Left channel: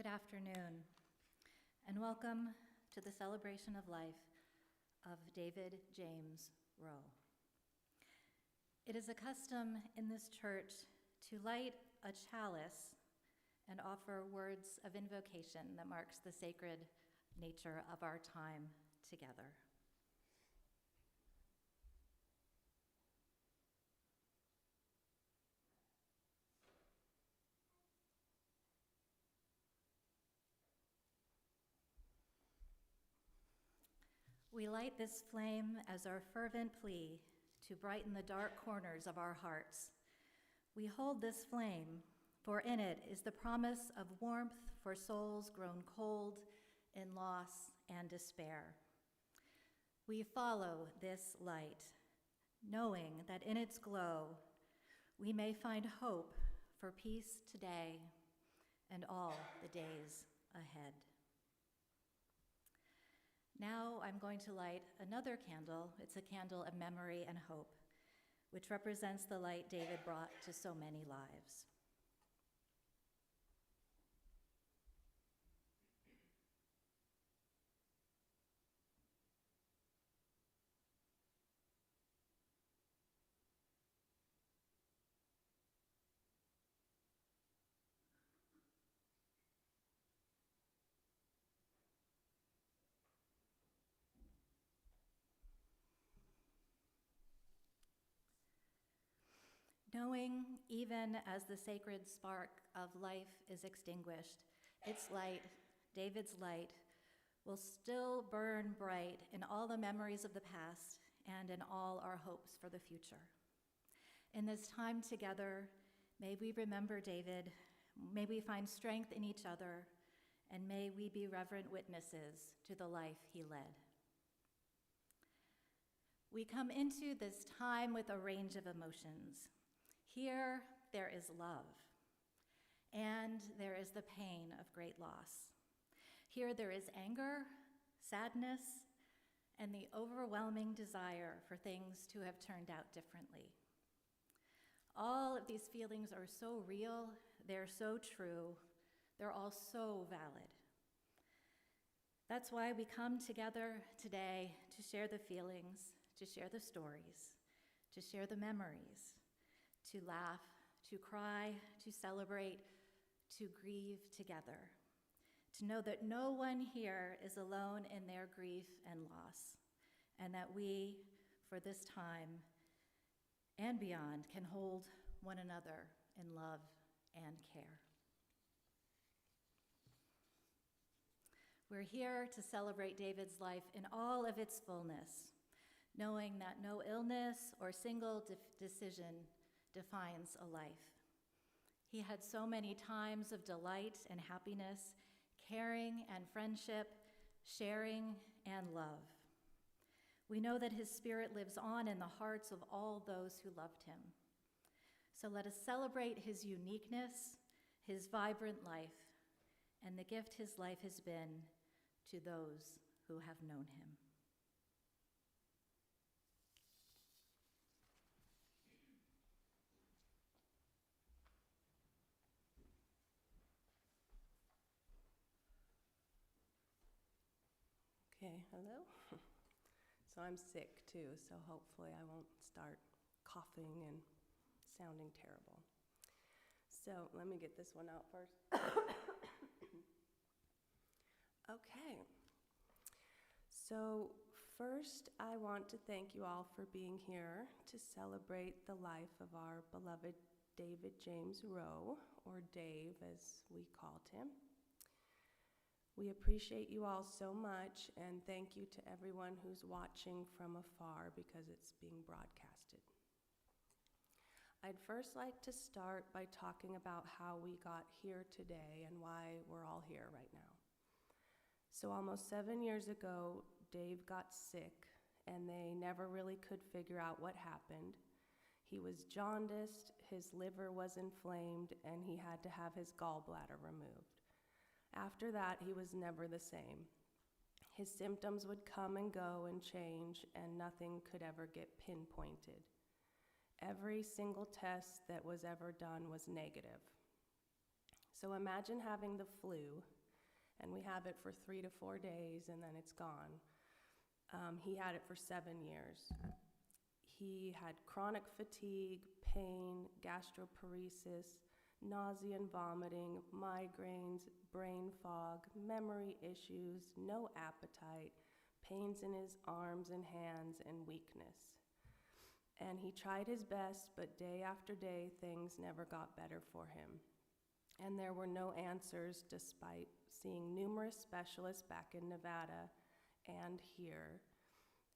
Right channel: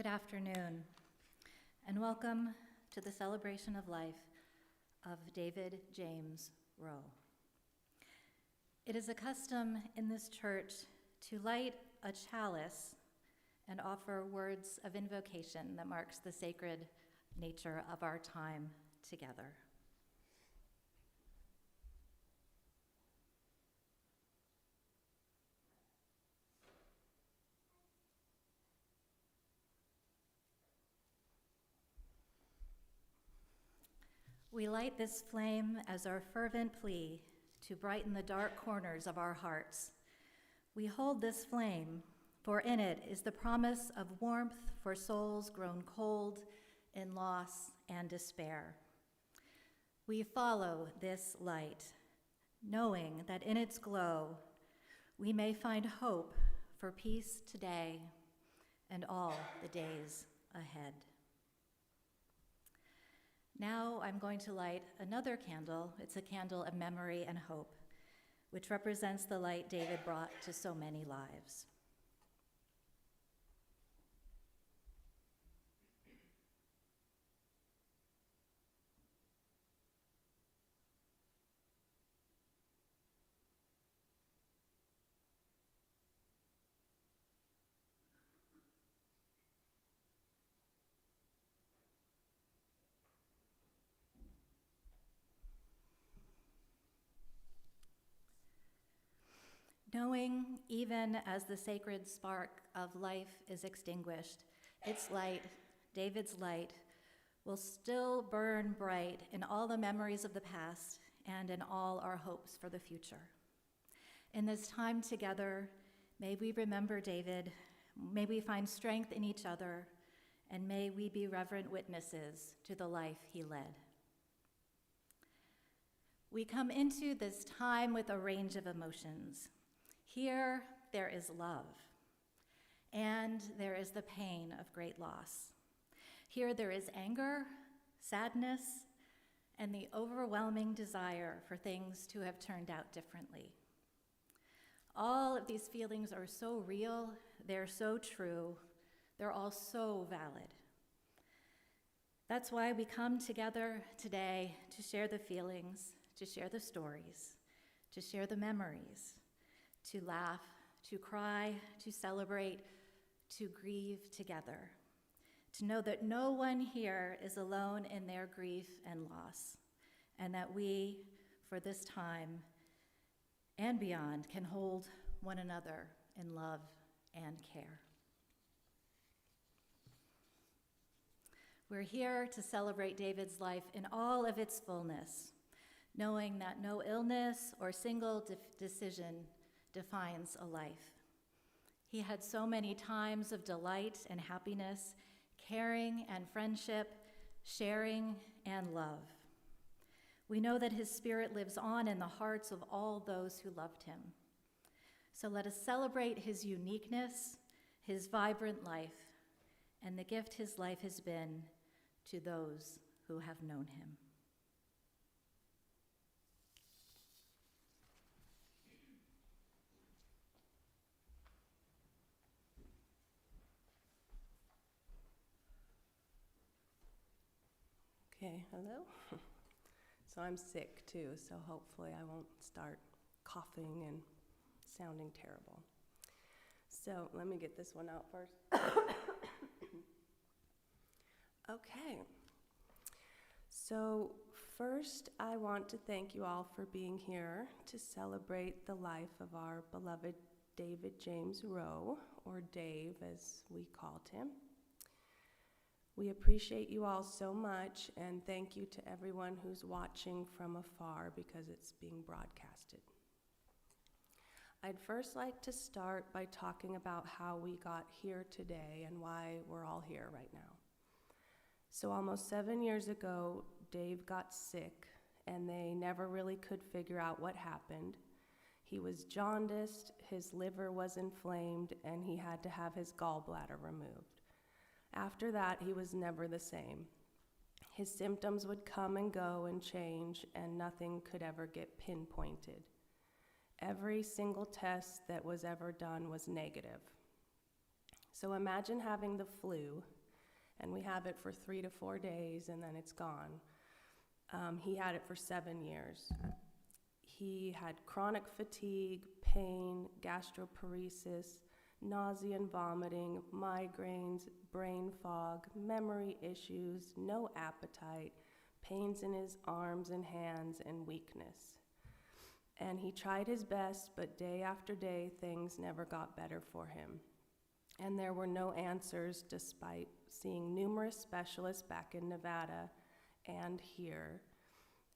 Good afternoon, and welcome to the celebration of life of David James Rowe. It is a custom in this church to light a chalice and offer words of invocation that marks the sacred nature of our time together. We light this flame as our fervent plea to brighten the dark corners of our hearts. We hold this flame, for in it is the promise of warmth for souls grown cold in loss and despair. We follow this light, knowing that in its glow we may find hope for peace today and all the days ahead. Now I'm going to light another candle. It's a candle of memory and hope, which represents the light David brought to so many lives. Knowing, even as the sacred spark of life is extinguished, its light, David's light, will still burn bright in all the memories of the past and in all our hopes for the future. In this time together, may we remember David, may we find strength in each other, and may we be reverent witnesses to the life he led. We come into this time with a range of emotions. Here, there is love, and there is the pain of great loss. Here, there is anger, sadness, and the overwhelming desire for things to have turned out differently. All of these feelings are so real, they're so true, they're all so valid. That's why we come together today to share the feelings, to share the stories, to share the memories, to laugh, to cry, to celebrate, to grieve together, to know that no one here is alone in their grief and loss, and that we, for this time and beyond, can hold one another in love and care. We're here to celebrate David's life in all of its fullness, knowing that no illness or single decision defines a life. He had so many times of delight and happiness, caring and friendship, sharing and love. We know that his spirit lives on in the hearts of all those who loved him. So let us celebrate his uniqueness, his vibrant life, and the gift his life has been to those who have known him. Okay, hello. So I'm sick too, so hopefully I won't start coughing and sounding terrible. So let me get this one out first. Okay. So first I want to thank you all for being here to celebrate the life of our beloved David James Rowe, or Dave as we called him. We appreciate you all so much, and thank you to everyone who's watching from afar because it's being broadcasted. I'd first like to start by talking about how we got here today and why we're all here right now. So almost 7 years ago, Dave got sick, and they never really could figure out what happened. He was jaundiced, his liver was inflamed, and he had to have his gallbladder removed. After that, he was never the same. His symptoms would come and go and change, and nothing could ever get pinpointed. Every single test that was ever done was negative. So imagine having the flu, and we have it for 3 to 4 days, and then it's gone. He had it for 7 years. He had chronic fatigue, pain, gastroparesis, nausea and vomiting, migraines, brain fog, memory issues, no appetite, pains in his arms and hands, and weakness. And he tried his best, but day after day, things never got better for him. And there were no answers despite seeing numerous specialists back in Nevada and here.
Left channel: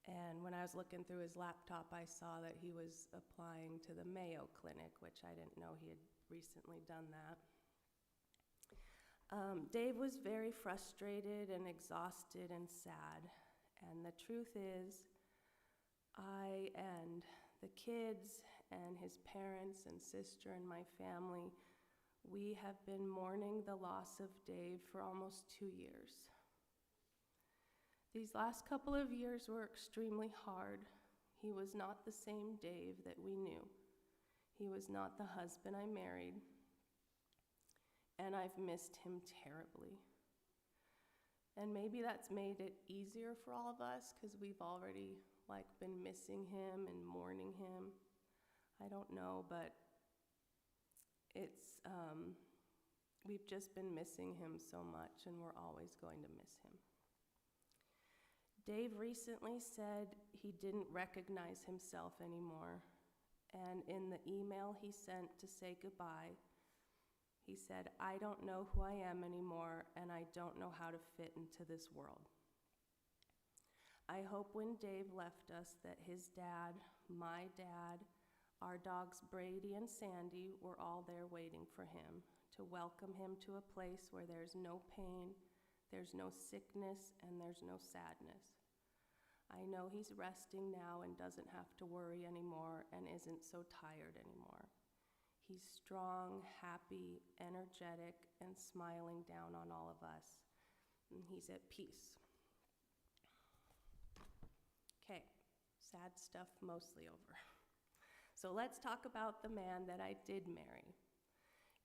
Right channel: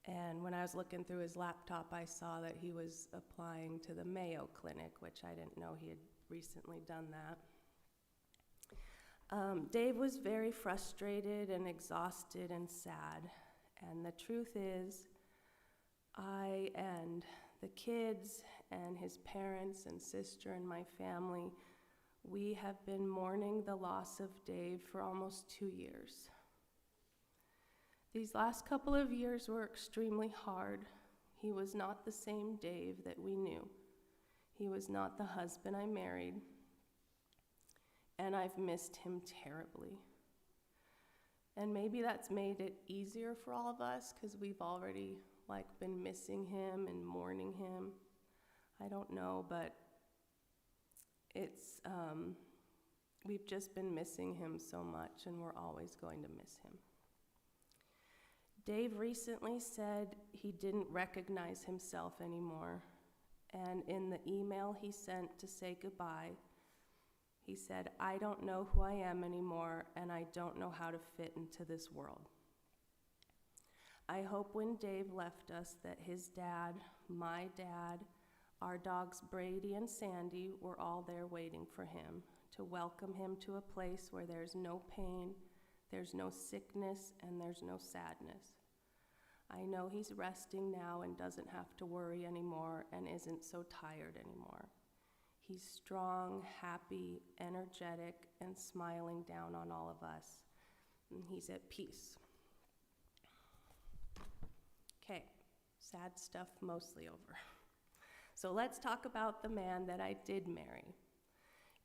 And when I was looking through his laptop, I saw that he was applying to the Mayo Clinic, which I didn't know he had recently done that. Dave was very frustrated and exhausted and sad. And the truth is, I and the kids and his parents and sister and my family, we have been mourning the loss of Dave for almost 2 years. These last couple of years were extremely hard. He was not the same Dave that we knew. He was not the husband I married, and I've missed him terribly. And maybe that's made it easier for all of us because we've already been missing him and mourning him. I don't know, but we've just been missing him so much, and we're always going to miss him. Dave recently said he didn't recognize himself anymore, and in the email he sent to say goodbye, he said, "I don't know who I am anymore, and I don't know how to fit into this world." I hope when Dave left us that his dad, my dad, our dogs Brady and Sandy were all there waiting for him to welcome him to a place where there's no pain, there's no sickness, and there's no sadness. I know he's resting now and doesn't have to worry anymore and isn't so tired anymore. He's strong, happy, energetic, and smiling down on all of us. And he's at peace. Okay, sad stuff mostly over. So let's talk about the man that I did marry.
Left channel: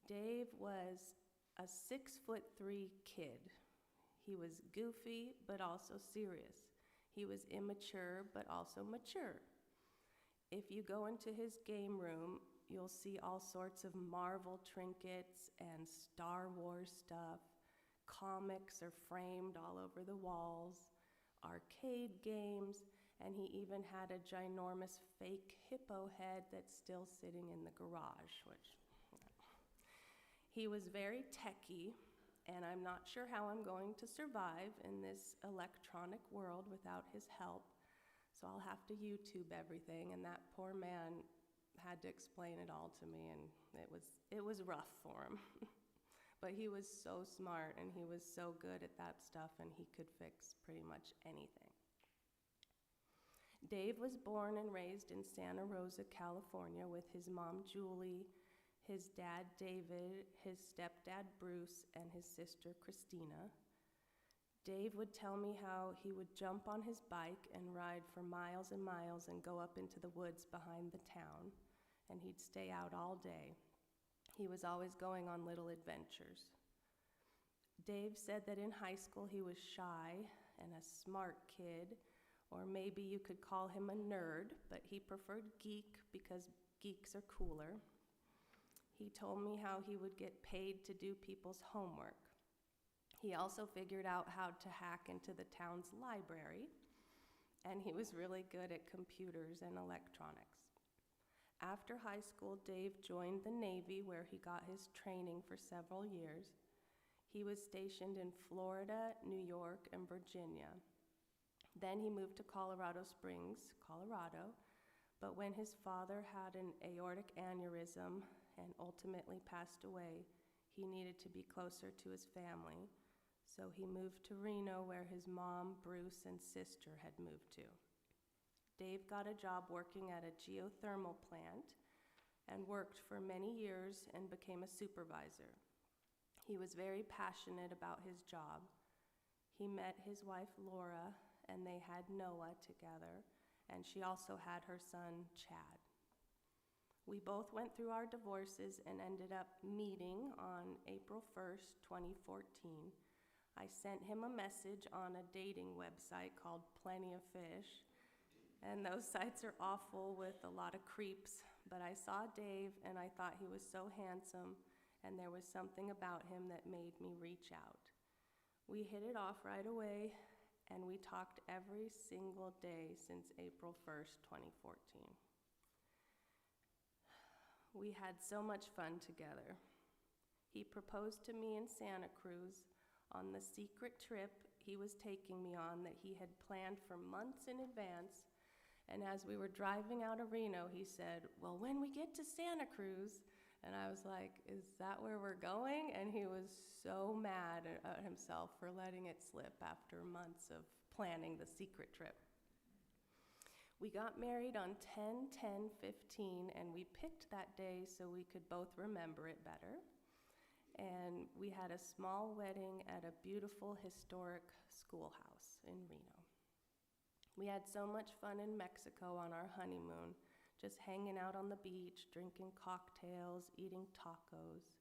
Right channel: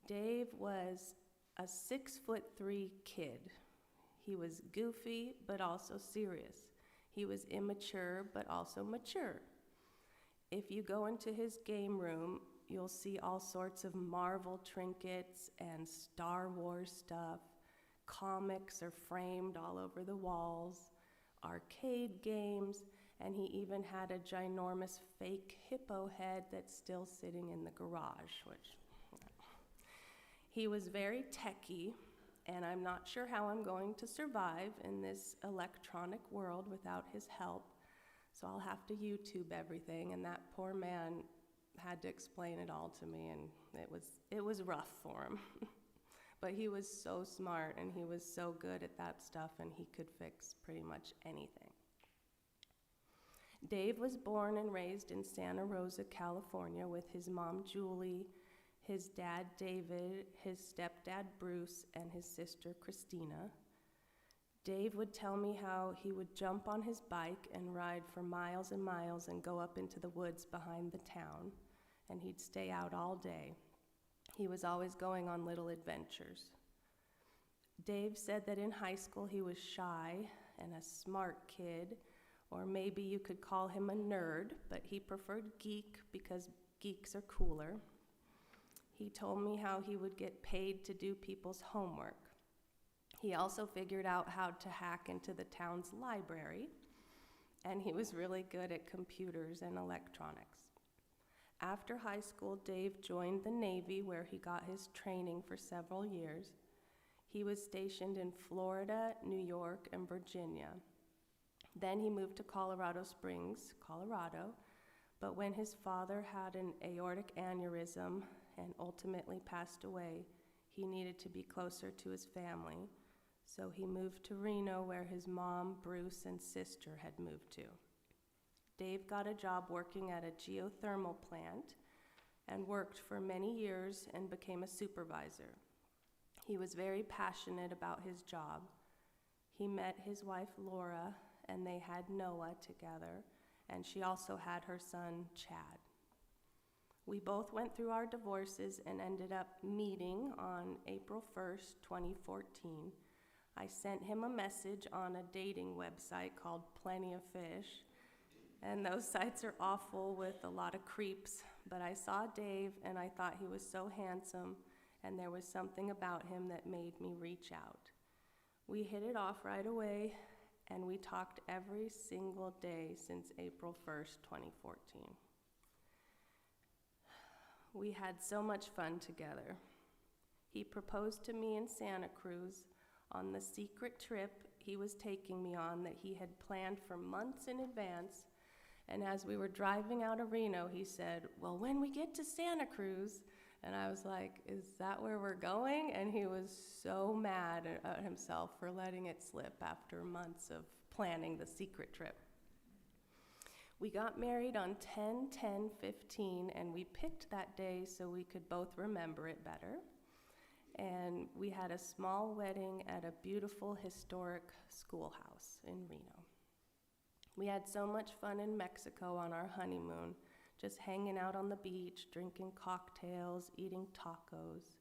Dave was a 6'3" kid. He was goofy, but also serious. He was immature, but also mature. If you go into his game room, you'll see all sorts of Marvel trinkets and Star Wars stuff. Comics are framed all over the walls, arcade games, and he even had a ginormous fake hippo head that's still sitting in the garage, which he was very techie, and I'm not sure how I'm going to survive in this electronic world without his help, so I'll have to YouTube everything, and that poor man had to explain it all to me, and it was rough for him. But he was so smart, and he was so good at that stuff, and he could fix pretty much anything. Dave was born and raised in Santa Rosa, California, with his mom, Julie, his dad, David, his stepdad, Bruce, and his sister, Christina. Dave would tell me how he would jump on his bike and ride for miles and miles and go up into the woods behind the town, and he'd stay out all day. He was always going on little adventures. Dave said that in high school he was shy and a smart kid, or maybe you could call him a nerd, but he preferred geek because geeks are cooler. He told me how he would get paid to do people's homework. He also figured out how to hack into the town's library, and he was really good at computers and electronics. After high school, Dave joined the Navy, where he got his training for several years. He was stationed in Florida, New York, and Virginia. Then he moved to Colorado Springs, Colorado, but when his father had an aortic aneurysm and ultimately passed away, he needed to be closer to his family, so he moved to Reno, where his mom, Bruce, and sister had moved to. Dave got a job working at a geothermal plant and worked for many years and became a supervisor. He was very passionate about his job. He met his wife, Laura, and they had Noah together, and she also had her son, Chad. We both went through our divorces and ended up meeting on April 1st, 2014. I sent him a message on a dating website called Plenty of Fish, and those sites are awful with a lot of creeps, but I saw Dave and I thought he was so handsome, and there was something about him that made me reach out. We hit it off right away, and we talked every single day since April 1st, 2014. We had so much fun together. He proposed to me in Santa Cruz on the secret trip he was taking me on that he had planned for months in advance. And as we were driving out of Reno, he said, "Well, when we get to Santa Cruz," and I was like, "Is that where we're going?" And he was so mad at himself for letting it slip after months of planning the secret trip. We got married on 10/10/15, and we picked that day so we could both remember it better. And we had a small wedding at a beautiful historic schoolhouse in Reno. We had so much fun in Mexico on our honeymoon, just hanging out on the beach, drinking cocktails, eating tacos.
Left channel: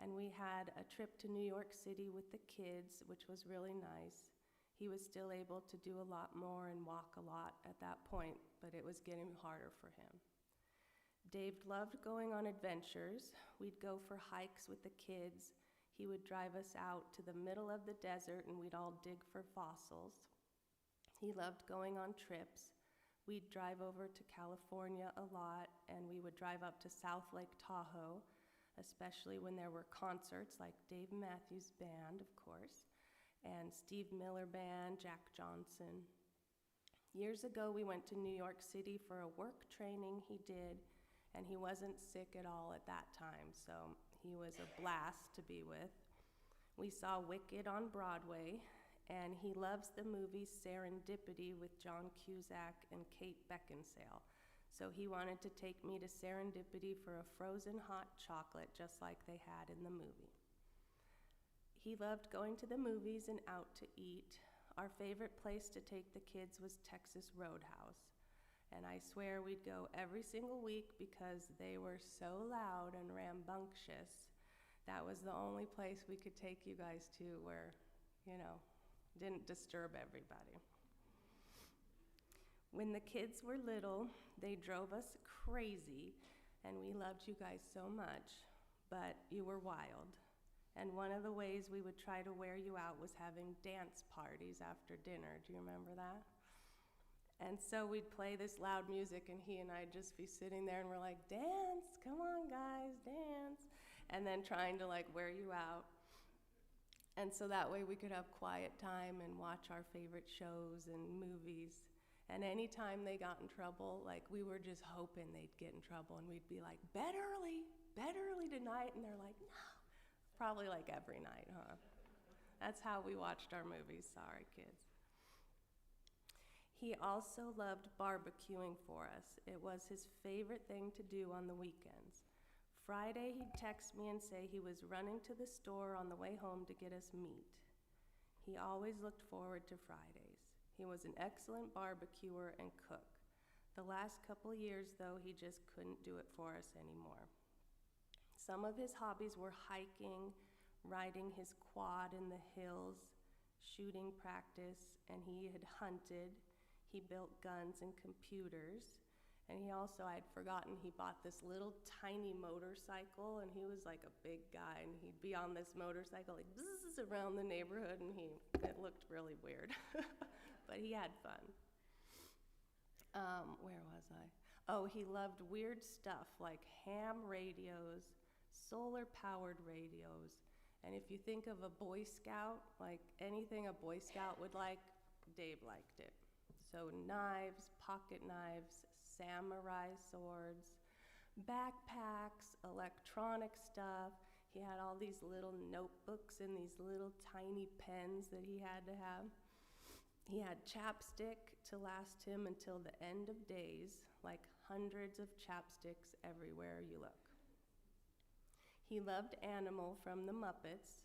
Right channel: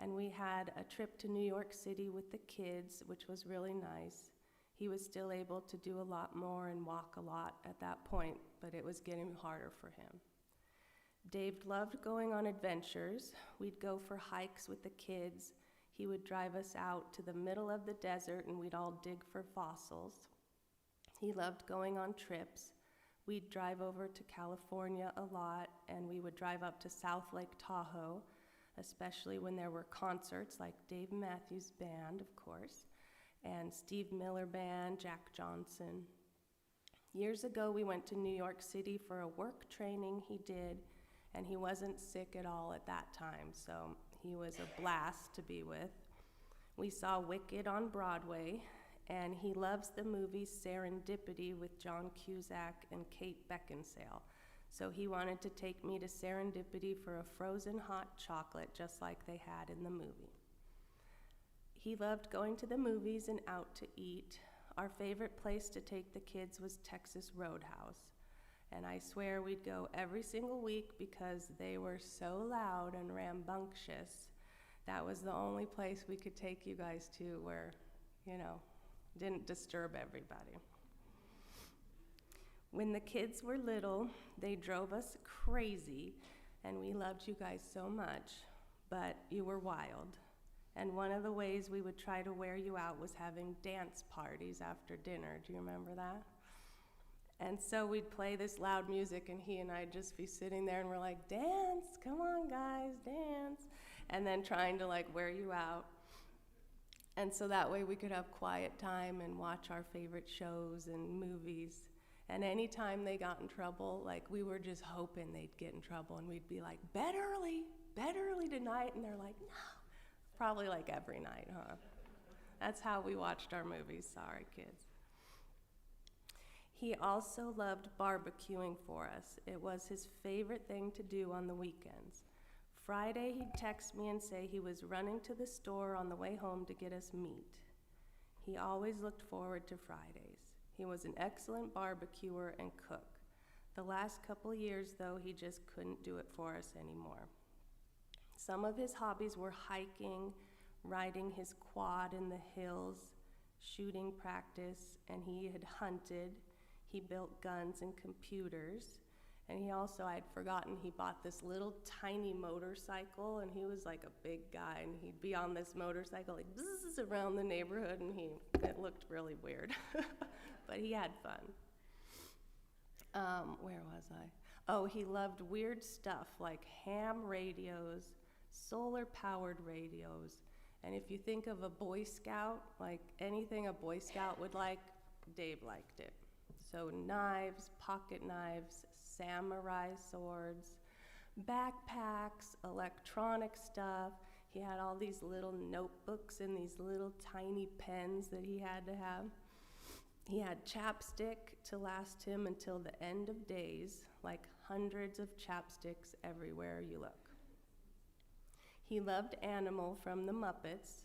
And we had a trip to New York City with the kids, which was really nice. He was still able to do a lot more and walk a lot at that point, but it was getting harder for him. Dave loved going on adventures. We'd go for hikes with the kids. He would drive us out to the middle of the desert and we'd all dig for fossils. He loved going on trips. We'd drive over to California a lot, and we would drive up to South Lake Tahoe, especially when there were concerts like Dave Matthews Band, of course, and Steve Miller Band, Jack Johnson. Years ago, we went to New York City for a work training he did, and he wasn't sick at all at that time, so he was a blast to be with. We saw Wicked on Broadway, and he loves the movie Serendipity with John Cusack and Kate Beckinsale, so he wanted to take me to Serendipity for a frozen hot chocolate just like they had in the movie. He loved going to the movies and out to eat. Our favorite place to take the kids was Texas Roadhouse, and I swear we'd go every single week because they were so loud and rambunctious. That was the only place we could take you guys to where, didn't disturb everybody. When the kids were little, they drove us crazy, and we loved you guys so much, but you were wild. And one of the ways we would try to wear you out was having dance parties after dinner. Do you remember that? And so we'd play this loud music, and he and I'd just be sitting there, and we're like, "Dance, come on, guys, dance," and then trying to wear you out. And so that way we could have quiet time and watch our favorite shows and movies. And anytime they got in trouble, we were just hoping they'd get in trouble, and we'd be like, bed early tonight," and they're like, "No." Probably every night, huh? That's how we watched our movies. Sorry, kids. He also loved barbecuing for us. It was his favorite thing to do on the weekends. Friday, he'd text me and say he was running to the store on the way home to get us meat. He always looked forward to Fridays. He was an excellent barbecuer and cook. The last couple years, though, he just couldn't do it for us anymore. Some of his hobbies were hiking, riding his quad in the hills, shooting practice, and he had hunted. He built guns and computers. And he also, I'd forgotten, he bought this little tiny motorcycle, and he was a big guy, and he'd be on this motorcycle bzzz around the neighborhood, and it looked really weird. But he had fun. Where was I? Oh, he loved weird stuff like ham radios, solar-powered radios, and if you think of a Boy Scout, anything a Boy Scout would like, Dave liked it. So knives, pocket knives, samurai swords, backpacks, electronic stuff. He had all these little notebooks and these little tiny pens that he had to have. He had chapstick to last him until the end of days, hundreds of chapsticks everywhere you look. He loved Animal from the Muppets.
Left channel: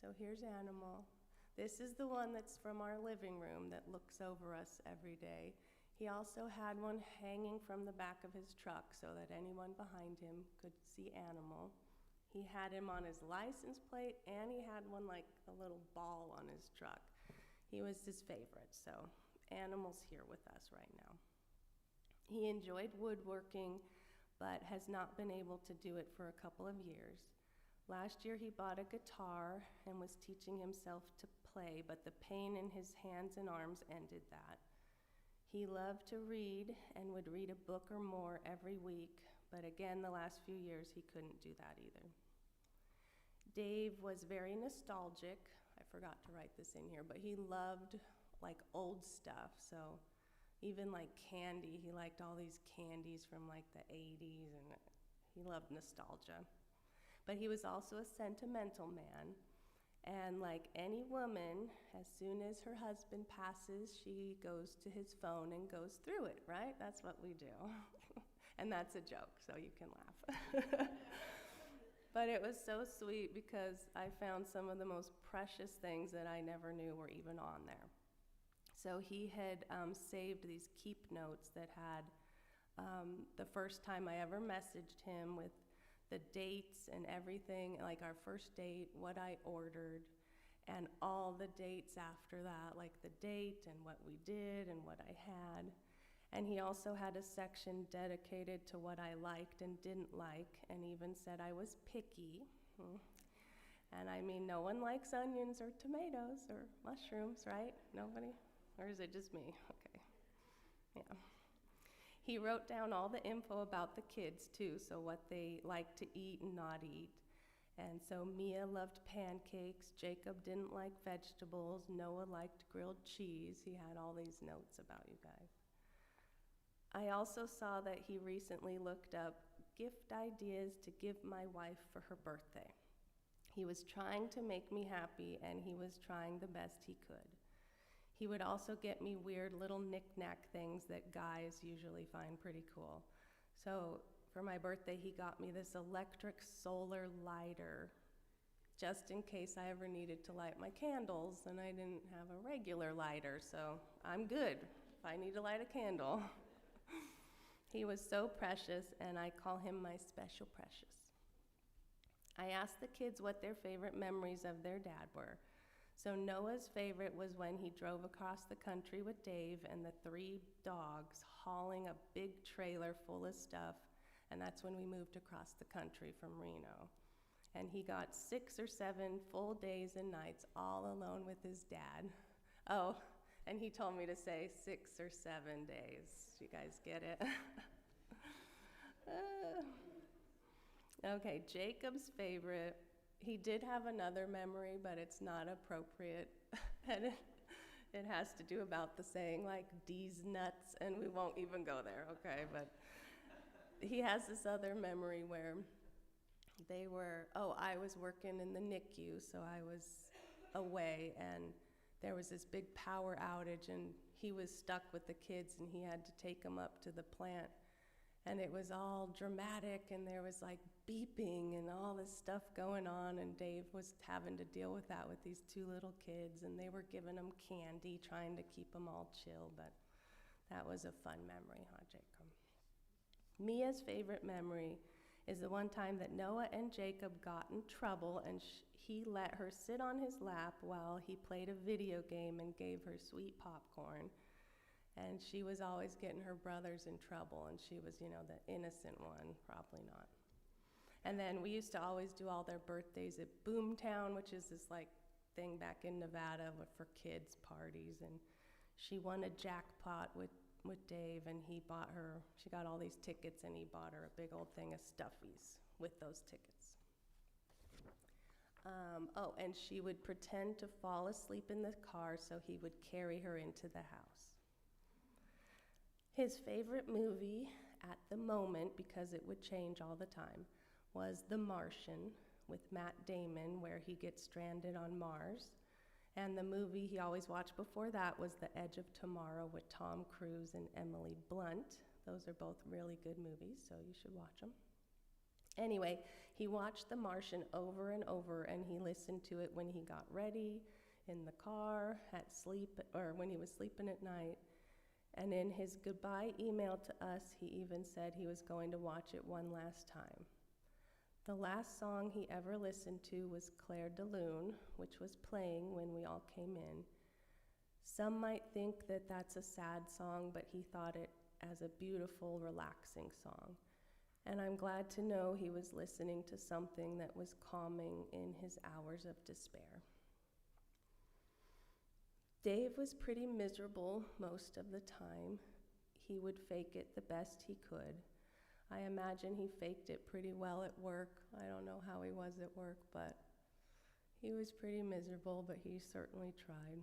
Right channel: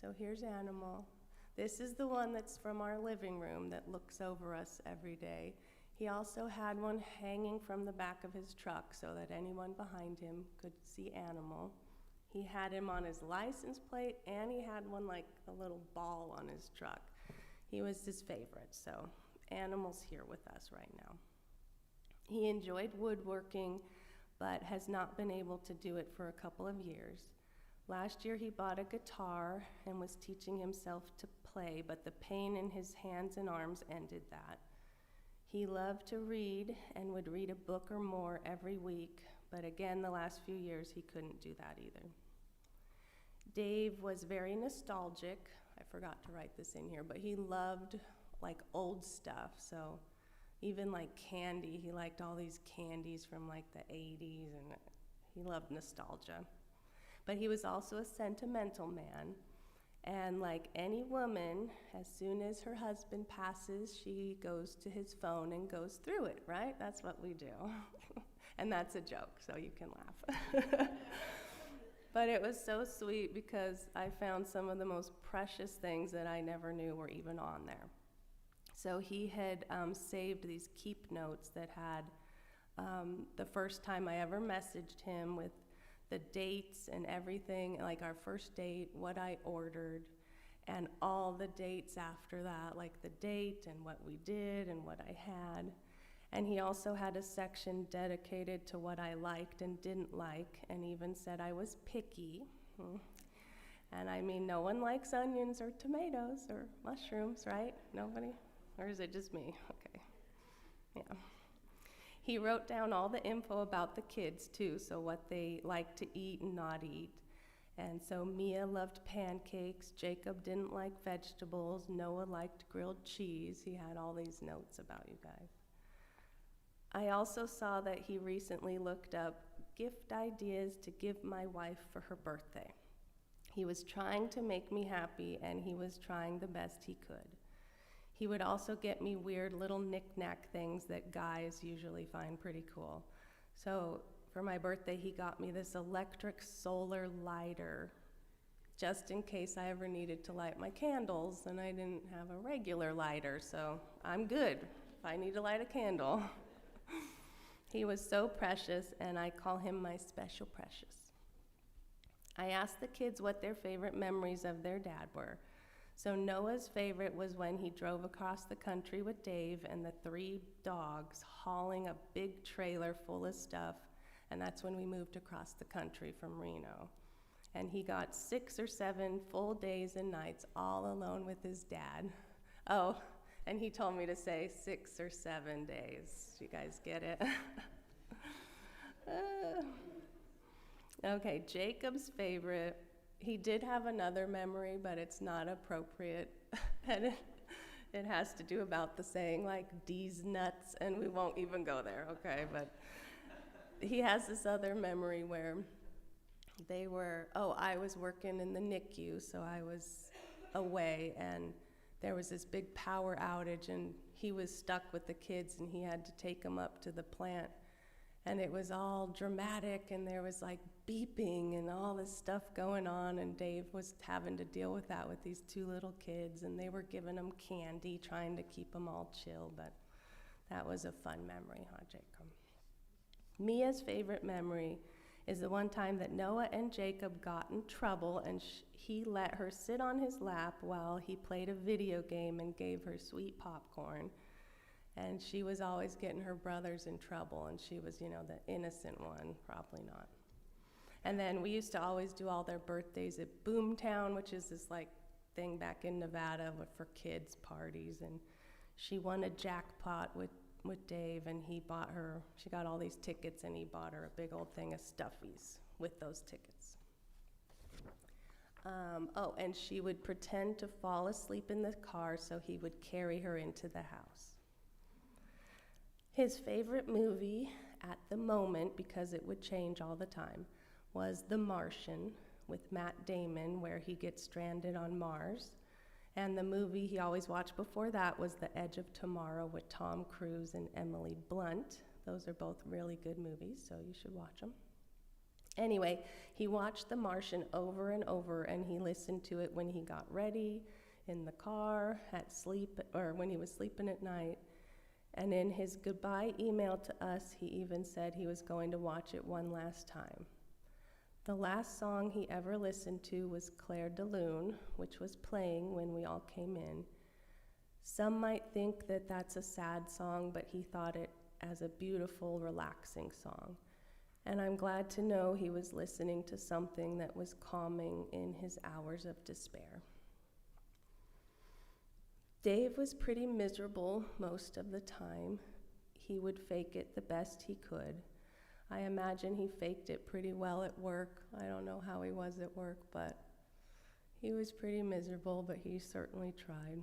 So here's Animal. This is the one that's from our living room that looks over us every day. He also had one hanging from the back of his truck so that anyone behind him could see Animal. He had him on his license plate, and he had one like a little ball on his truck. He was his favorite, so Animal's here with us right now. He enjoyed woodworking, but has not been able to do it for a couple of years. Last year he bought a guitar and was teaching himself to play, but the pain in his hands and arms ended that. He loved to read and would read a book or more every week, but again, the last few years he couldn't do that either. Dave was very nostalgic. I forgot to write this in here, but he loved like old stuff. So even like candy, he liked all these candies from like the 80s, and he loved nostalgia. But he was also a sentimental man. And like any woman, as soon as her husband passes, she goes to his phone and goes through it, right? That's what we do. And that's a joke, so you can laugh. But it was so sweet because I found some of the most precious things that I never knew were even on there. So he had saved these keep notes that had the first time I ever messaged him with the dates and everything, like our first date, what I ordered, and all the dates after that, like the date and what we did and what I had. And he also had a section dedicated to what I liked and didn't like, and even said I was picky. And I mean, no one likes onions or tomatoes or mushrooms, right? Nobody? Or is it just me? Okay. Yeah. He wrote down all the info about the kids, too, so what they like to eat and not eat. And so Mia loved pancakes, Jacob didn't like vegetables, Noah liked grilled cheese. He had all these notes about you guys. I also saw that he recently looked up gift ideas to give my wife for her birthday. He was trying to make me happy, and he was trying the best he could. He would also get me weird little knick-knack things that guys usually find pretty cool. So for my birthday, he got me this electric solar lighter, just in case I ever needed to light my candles, and I didn't have a regular lighter, so I'm good if I need to light a candle. He was so precious, and I call him my special precious. I asked the kids what their favorite memories of their dad were. So Noah's favorite was when he drove across the country with Dave and the 3 dogs hauling a big trailer full of stuff, and that's when we moved across the country from Reno. And he got 6 or 7 full days and nights all alone with his dad. Oh, and he told me to say 6 or 7 days. You guys get it? Okay, Jacob's favorite. He did have another memory, but it's not appropriate. And it has to do about the saying, like, D's nuts, and we won't even go there, okay? But he has this other memory where I was working in the NICU, so I was away, and there was this big power outage, and he was stuck with the kids, and he had to take them up to the plant. And it was all dramatic, and there was like beeping and all this stuff going on, and Dave was having to deal with that with these 2 little kids, and they were giving him candy, trying to keep them all chill, but that was a fun memory, huh, Jacob? Mia's favorite memory is the one time that Noah and Jacob got in trouble, and he let her sit on his lap while he played a video game and gave her sweet popcorn. And she was always getting her brothers in trouble, and she was, the innocent one, probably not. And then we used to always do all their birthdays at Boomtown, which is this like thing back in Nevada for kids' parties. And she won a jackpot with Dave, and she got all these tickets, and he bought her a big old thing of Stuffies with those tickets. And she would pretend to fall asleep in the car so he would carry her into the house. His favorite movie at the moment, because it would change all the time, was The Martian with Matt Damon, where he gets stranded on Mars. And the movie he always watched before that was The Edge of Tomorrow with Tom Cruise and Emily Blunt. Those are both really good movies, so you should watch them. Anyway, he watched The Martian over and over, and he listened to it when he got ready, in the car, at sleep, or when he was sleeping at night. And in his goodbye email to us, he even said he was going to watch it one last time. The last song he ever listened to was Claire de Lune, which was playing when we all came in. Some might think that that's a sad song, but he thought it as a beautiful, relaxing song. And I'm glad to know he was listening to something that was calming in his hours of despair. Dave was pretty miserable most of the time. He would fake it the best he could. I imagine he faked it pretty well at work. I don't know how he was at work, but he was pretty miserable, but he certainly tried.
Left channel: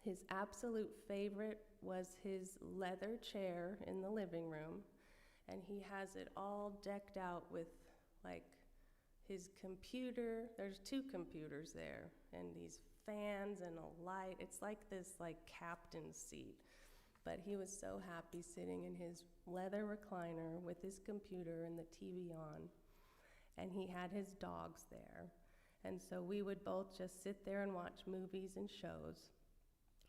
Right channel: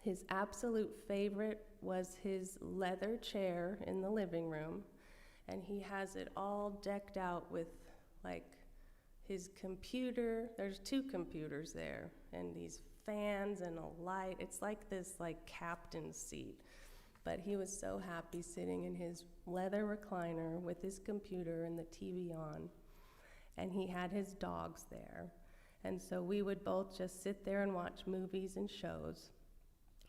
His absolute favorite was his leather chair in the living room, and he has it all decked out with like his computer. There's 2 computers there, and these fans and a light. It's like this like captain's seat. But he was so happy sitting in his leather recliner with his computer and the TV on. And he had his dogs there. And so we would both just sit there and watch movies and shows.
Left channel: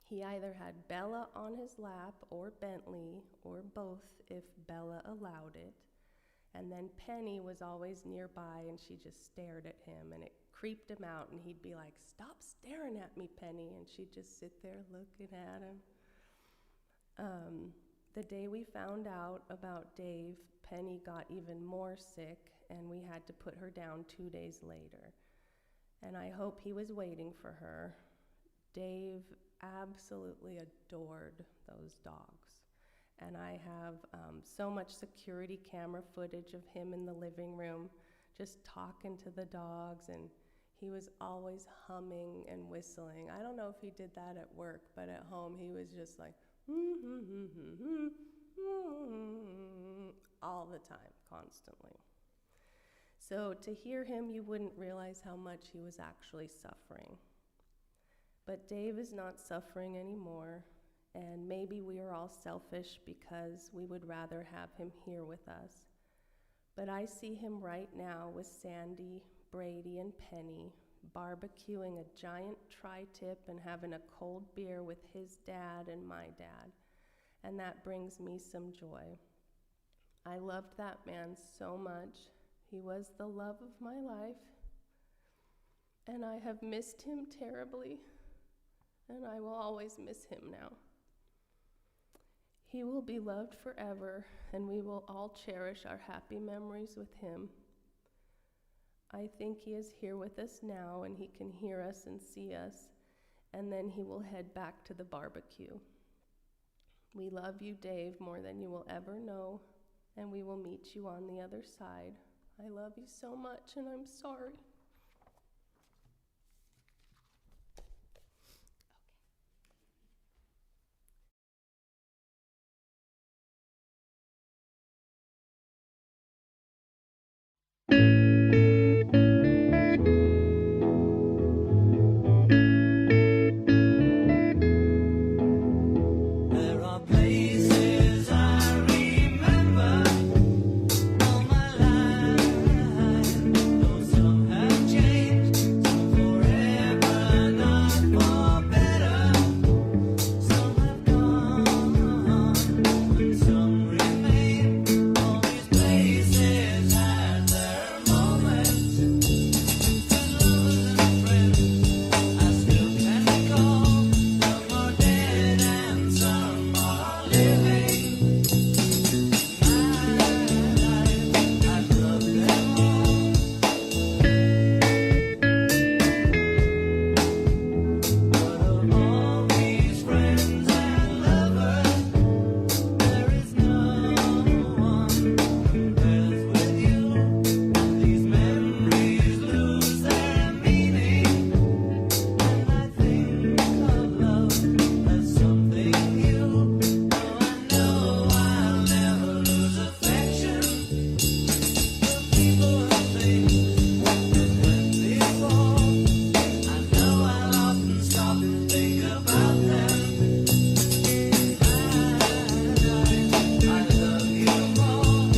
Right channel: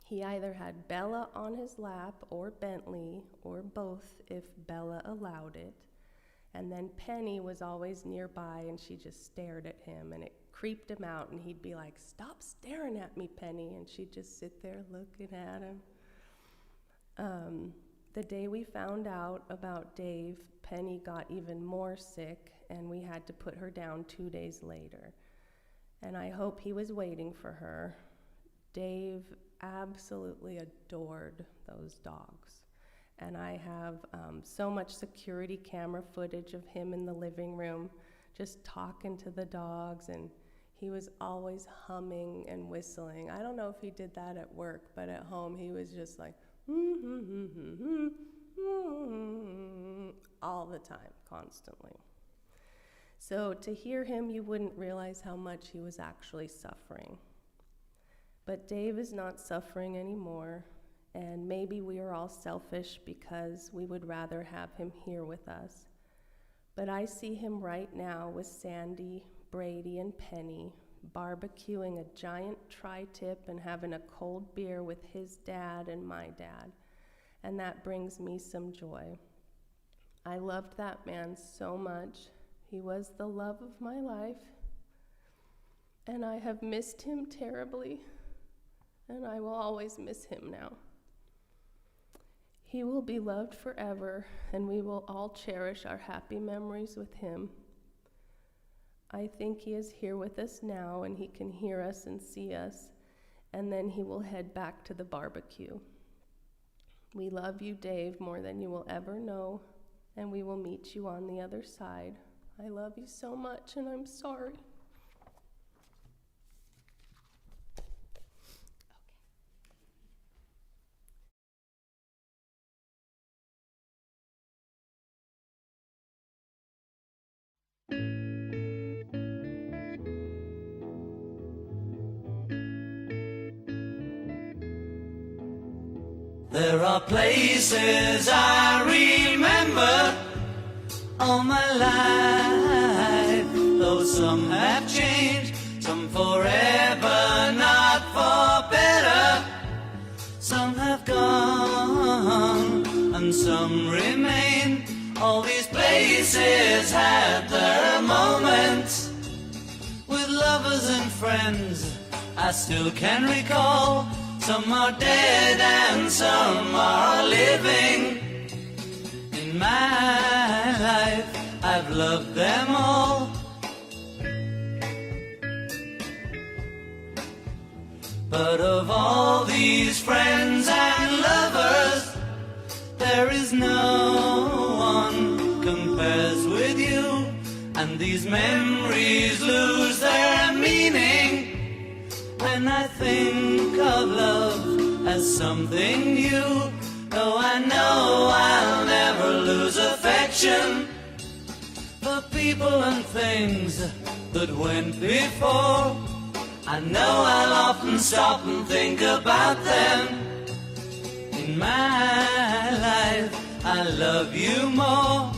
He either had Bella on his lap or Bentley, or both if Bella allowed it. And then Penny was always nearby, and she just stared at him, and it creeped him out, and he'd be like, "Stop staring at me, Penny," and she'd just sit there looking at him. The day we found out about Dave, Penny got even more sick, and we had to put her down 2 days later. And I hope he was waiting for her. Dave absolutely adored those dogs. And I have so much security camera footage of him in the living room, just talking to the dogs, and he was always humming and whistling. I don't know if he did that at work, but at home he was just like, all the time, constantly. So to hear him, you wouldn't realize how much he was actually suffering. But Dave is not suffering anymore, and maybe we are all selfish because we would rather have him here with us. But I see him right now with Sandy, Brady, and Penny, barbecuing a giant tri-tip and having a cold beer with his dad and my dad, and that brings me some joy. I loved that man so much. He was the love of my life, and I have missed him terribly, and I will always miss him now. He will be loved forever, and we will all cherish our happy memories with him. I think he is here with us now, and he can hear us and see us, and then he will head back to the barbecue. We love you, Dave, more than you will ever know, and we will meet you on the other side. I love you so much, and I'm sorry. There are places I remember all my life, though some have changed, some forever, not for better. Some have gone, and some remain. All these places had their moments with lovers and friends I still can recall. Some are dead and some are living. In my life, I've loved them all. But of all these friends and lovers, there is no one compares with you. And these memories lose their meaning when I think of love as something new. Though I know I'll never lose affection for people and things that went before. I know I'll often stop and think about them. In my life, I love you more.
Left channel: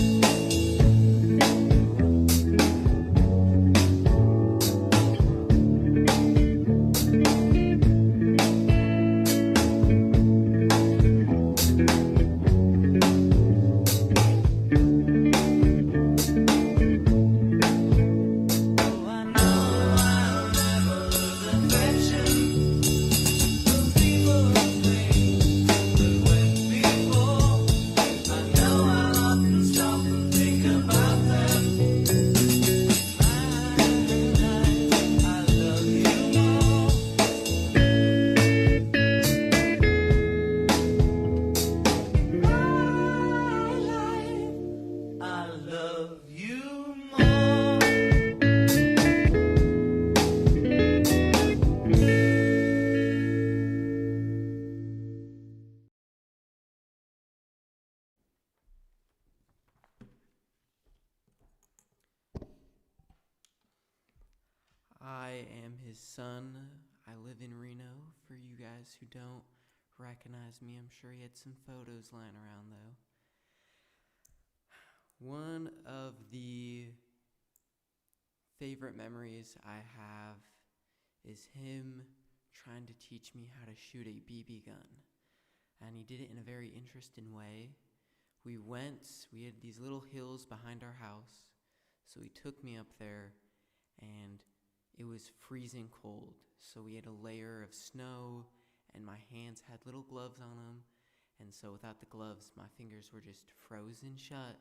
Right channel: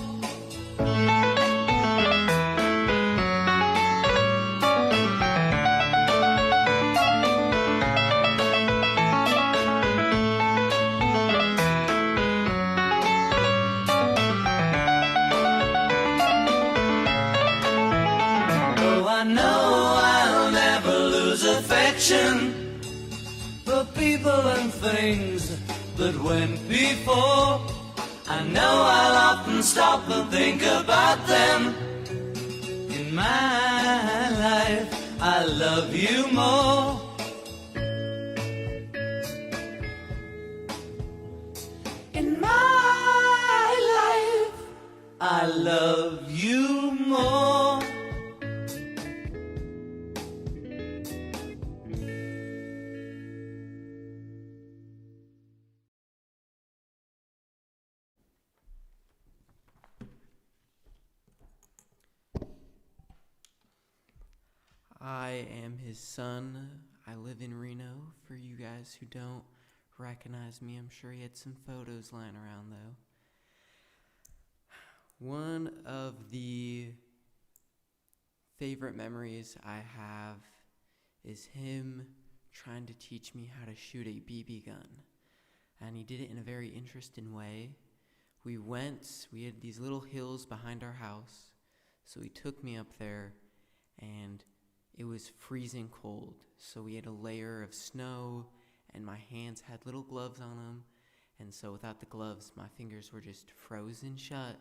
I am his son. I live in Reno. For you guys who don't recognize me, I'm sure he had some photos lying around though. One of the favorite memories I have is him trying to teach me how to shoot a BB gun. And he did it in a very interesting way. We had these little hills behind our house, so he took me up there, and it was freezing cold. So we had a layer of snow, and my hands had little gloves on them, and so without the gloves, my fingers were just frozen shut.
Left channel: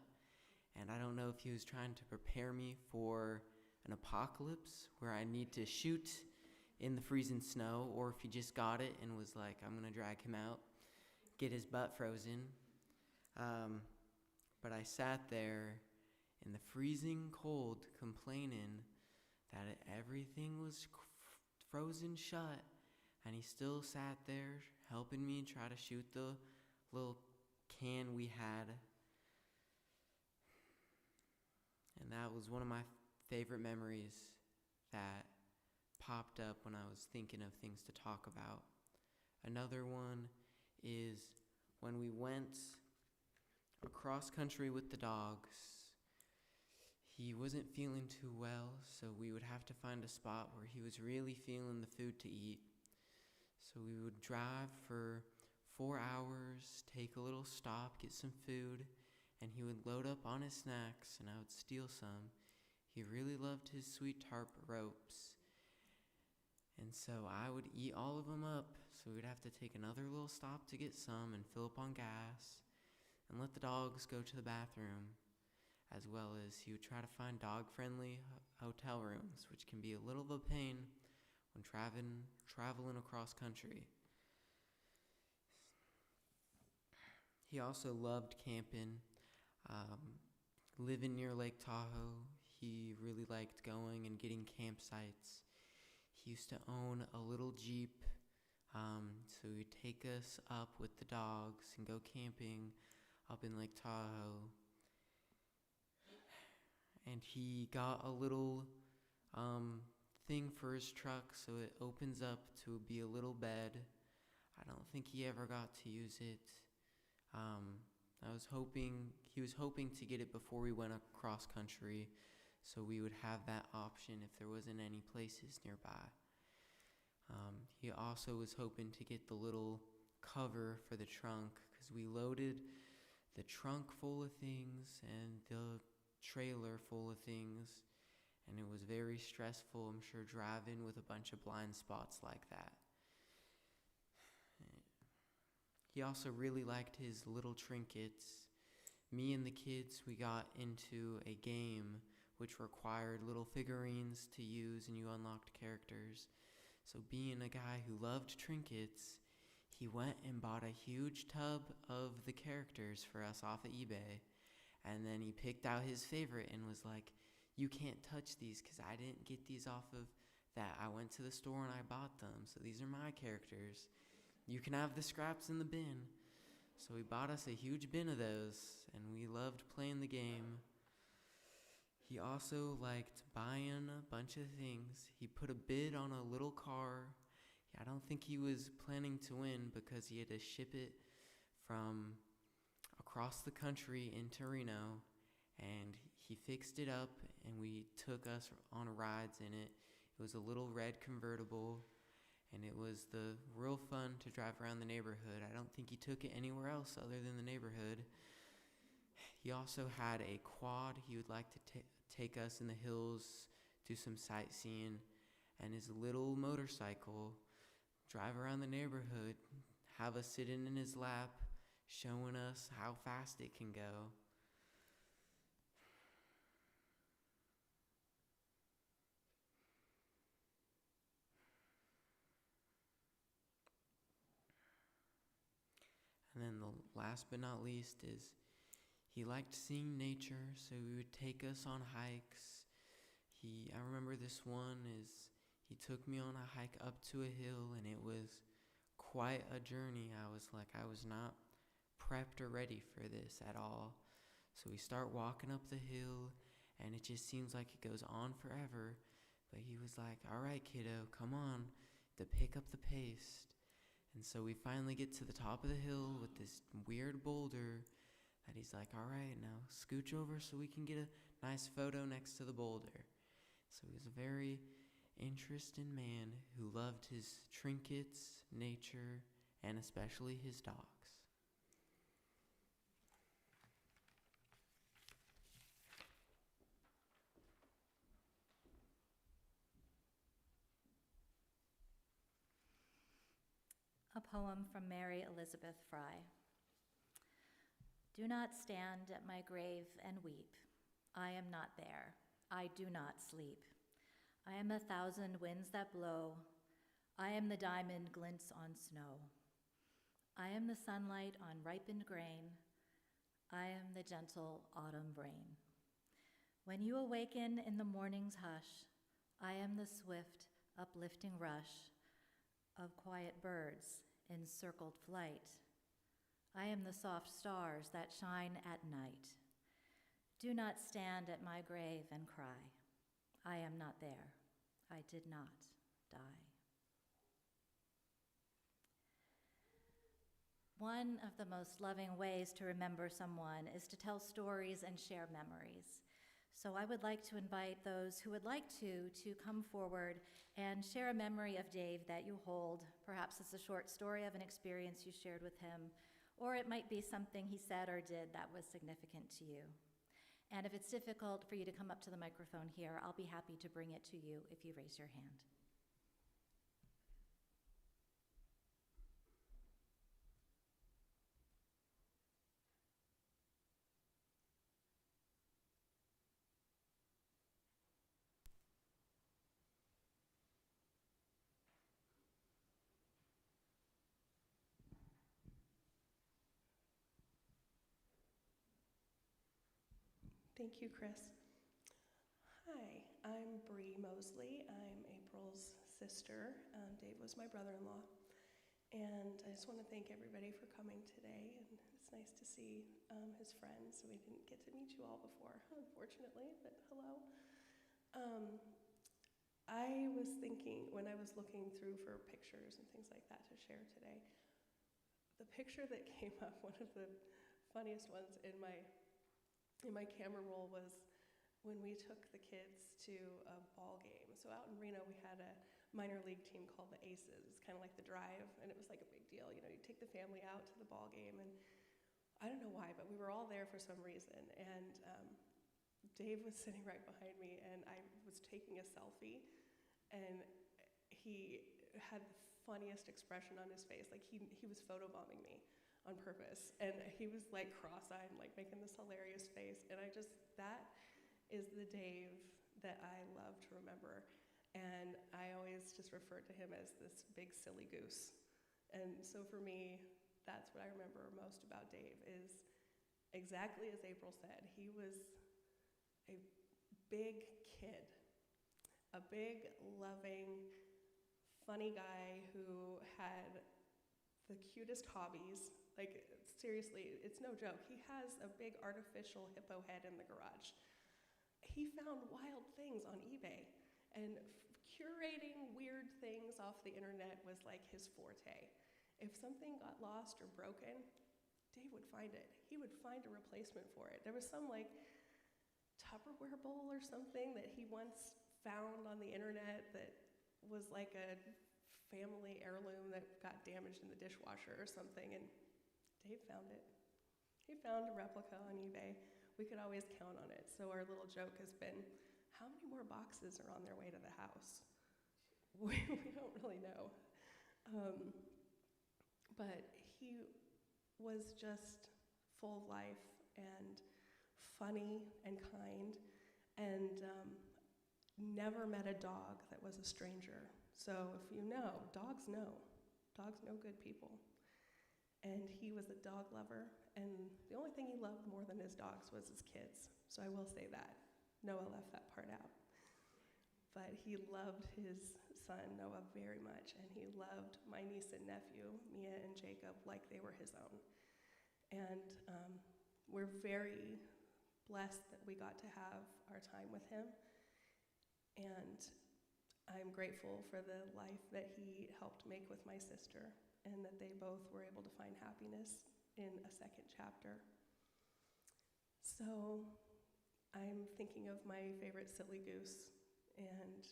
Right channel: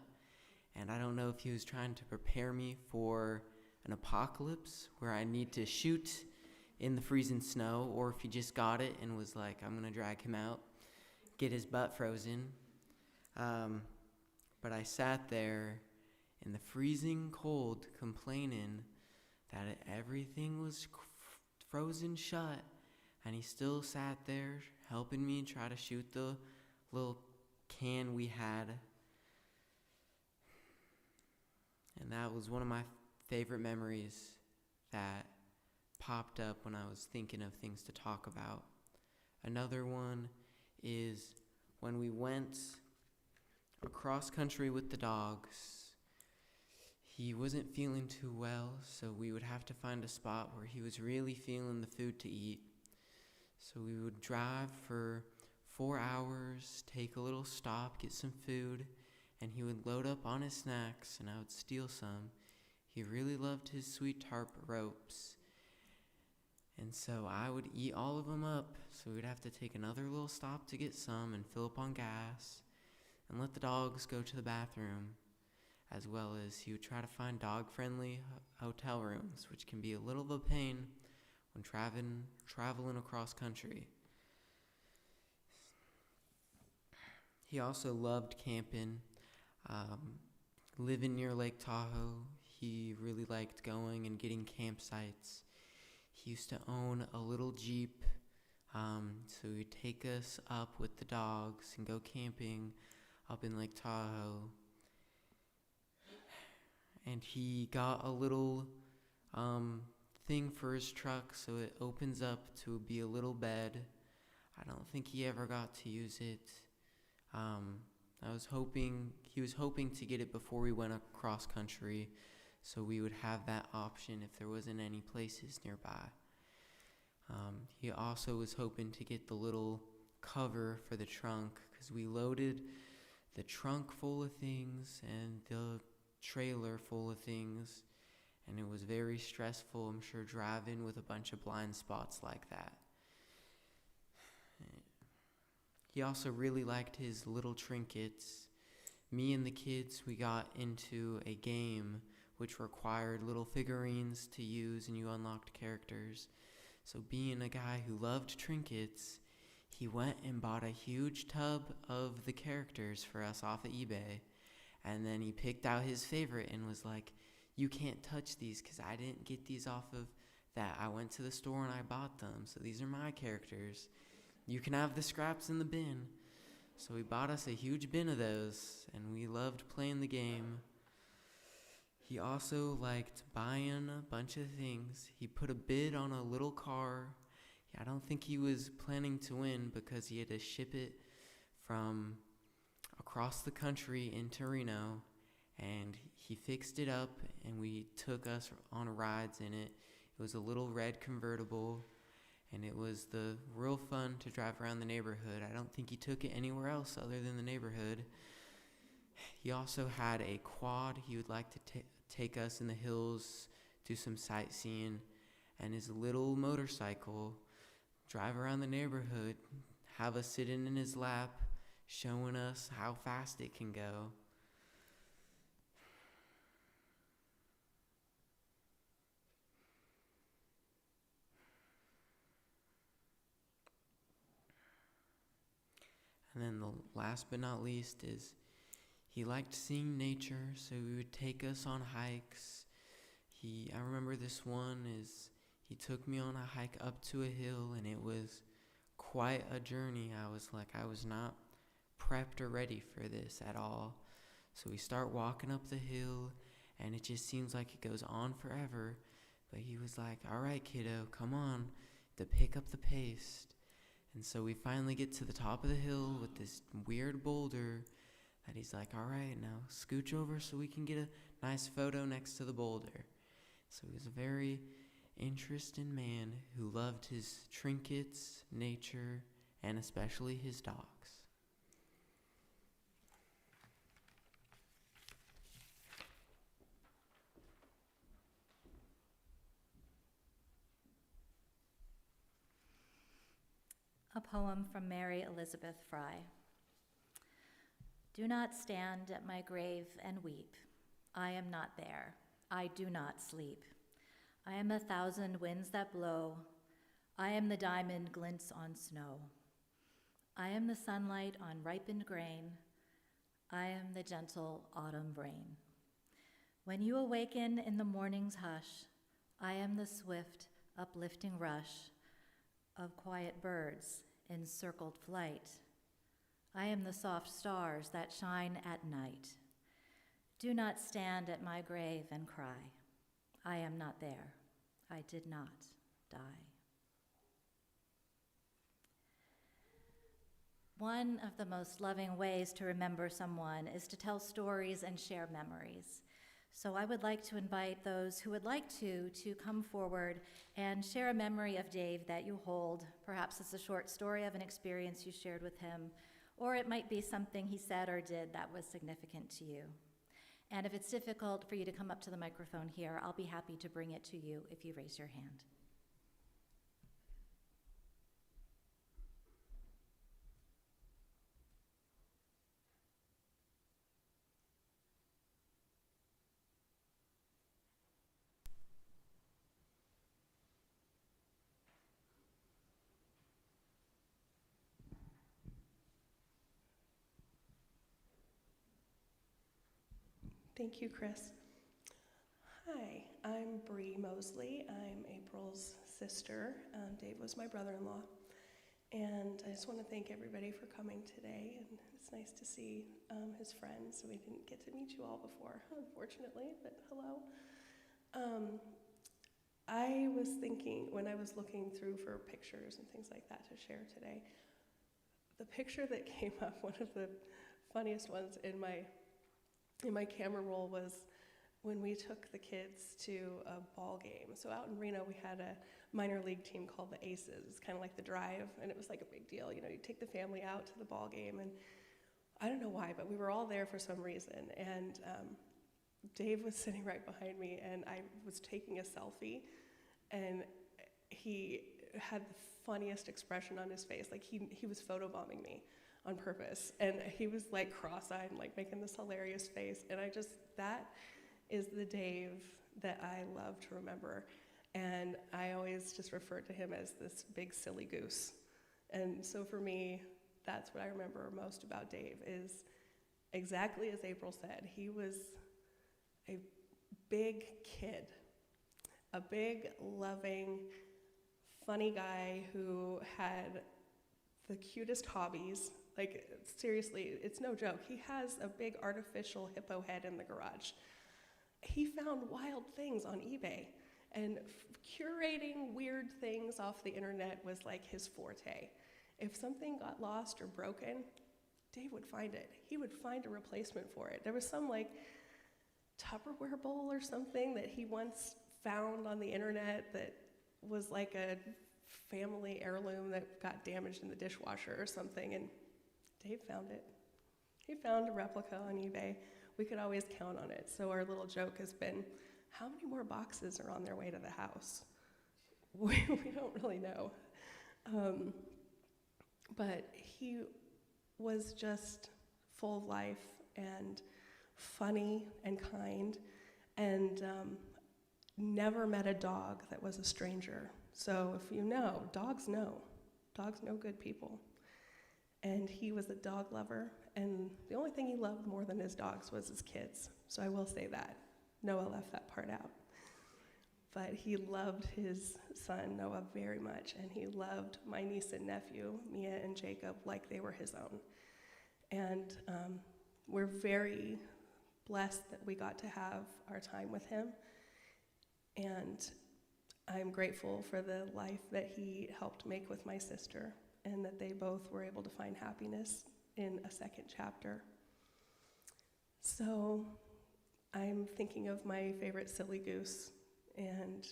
And I don't know if he was trying to prepare me for an apocalypse where I need to shoot in the freezing snow, or if he just got it and was like, I'm gonna drag him out, get his butt frozen. But I sat there in the freezing cold complaining that everything was frozen shut, and he still sat there helping me try to shoot the little can we had. And that was one of my favorite memories that popped up when I was thinking of things to talk about. Another one is when we went across country with the dogs. He wasn't feeling too well, so we would have to find a spot where he was really feeling the food to eat. So we would drive for 4 hours, take a little stop, get some food, and he would load up on his snacks, and I would steal some. He really loved his sweet tarp ropes, and so I would eat all of them up, so we'd have to take another little stop to get some and fill up on gas, and let the dogs go to the bathroom, as well as he would try to find dog-friendly hotel rooms, which can be a little of a pain when traveling across country. He also loved camping. Living near Lake Tahoe, he really liked going and getting campsites. He used to own a little Jeep, so he'd take us up with the dogs and go camping up in Lake Tahoe. And he got a little thing for his truck, so it opens up to be a little bed. I don't think he ever got to use it. He was hoping to get it before we went across country, so we would have that option if there wasn't any places nearby. He also was hoping to get the little cover for the trunk, because we loaded the trunk full of things and the trailer full of things, and it was very stressful, I'm sure, driving with a bunch of blind spots like that. He also really liked his little trinkets. Me and the kids, we got into a game which required little figurines to use, and you unlocked characters. So being a guy who loved trinkets, he went and bought a huge tub of the characters for us off of eBay. And then he picked out his favorite and was like, you can't touch these because I didn't get these off of that. I went to the store and I bought them, so these are my characters. You can have the scraps in the bin. So he bought us a huge bin of those, and we loved playing the game. He also liked buying a bunch of things. He put a bid on a little car. I don't think he was planning to win because he had to ship it from across the country into Reno, and he fixed it up, and we took us on rides in it. It was a little red convertible, and it was the real fun to drive around the neighborhood. I don't think he took it anywhere else other than the neighborhood. He also had a quad. He would like to take us in the hills, do some sightseeing, and his little motorcycle, drive around the neighborhood, have us sitting in his lap, showing us how fast it can go. And then the last but not least is he liked seeing nature, so he would take us on hikes. I remember this one is he took me on a hike up to a hill, and it was quite a journey. I was not prepped or ready for this at all. So we start walking up the hill, and it just seems like it goes on forever. But he was like, all right, kiddo, come on, to pick up the pace. And so we finally get to the top of the hill with this weird boulder that he's like, all right, now scooch over so we can get a nice photo next to the boulder. So he was a very interesting man who loved his trinkets, nature, and especially his dogs. A poem from Mary Elizabeth Fry. Do not stand at my grave and weep. I am not there. I do not sleep. I am 1,000 winds that blow. I am the diamond glints on snow. I am the sunlight on ripened grain. I am the gentle autumn rain. When you awaken in the morning's hush, I am the swift, uplifting rush of quiet birds in circled flight. I am the soft stars that shine at night. Do not stand at my grave and cry. I am not there. I did not die. One of the most loving ways to remember someone is to tell stories and share memories. So I would like to invite those who would like to come forward and share a memory of Dave that you hold. Perhaps it's a short story of an experience you shared with him, or it might be something he said or did that was significant to you. And if it's difficult for you to come up to the microphone here, I'll be happy to bring it to you if you raise your hand. Thank you, Chris. Hi, I'm Bree Mosley. I'm April's sister. Dave was my brother-in-law. And I just want to thank everybody for coming today. And it's nice to see his friends. We didn't get to meet you all before, unfortunately, but hello. I was thinking, when I was looking through for pictures and things like that to share today, the picture that came up, one of the funniest ones in my camera roll was when we took the kids to a ball game. So out in Reno, we had a minor league team called the Aces. It's kind of like the Drive, and it was like a big deal. You know, you take the family out to the ball game, and I don't know why, but we were all there for some reason. And Dave was sitting right behind me, and I was taking a selfie, and he had the funniest expression on his face. Like he was photobombing me on purpose, and he was like cross-eyed and like making this hilarious face, and that is the Dave that I love to remember, and I always just refer to him as this big silly goose. And so for me, that's what I remember most about Dave, is exactly as April said. He was a big kid, a big, loving, funny guy who had the cutest hobbies. Like, seriously, it's no joke. He has a big artificial hippo head in the garage. He found wild things on eBay, and curating weird things off the internet was like his forte. If something got lost or broken, Dave would find it. He would find a replacement for it. There was some like Tupperware bowl or something that he once found on the internet that was like a family heirloom that got damaged in the dishwasher or something, and Dave found it. He found a replica on eBay. We could always count on it. So our little joke has been, how many more boxes are on their way to the house? We don't really know. But he was just full of life and funny and kind, and never met a dog that was a stranger. So if you know, dogs know. Dogs know good people. And he was a dog lover, and the only thing he loved more than his dogs was his kids. So I will say that. Noah left that part out. But he loved his son, Noah, very much, and he loved my niece and nephew, Mia and Jacob, like they were his own. And we're very blessed that we got to have our time with him. And I'm grateful for the life that he helped make with my sister, and that they both were able to find happiness in a second chapter. So I'm thinking of my favorite silly goose, and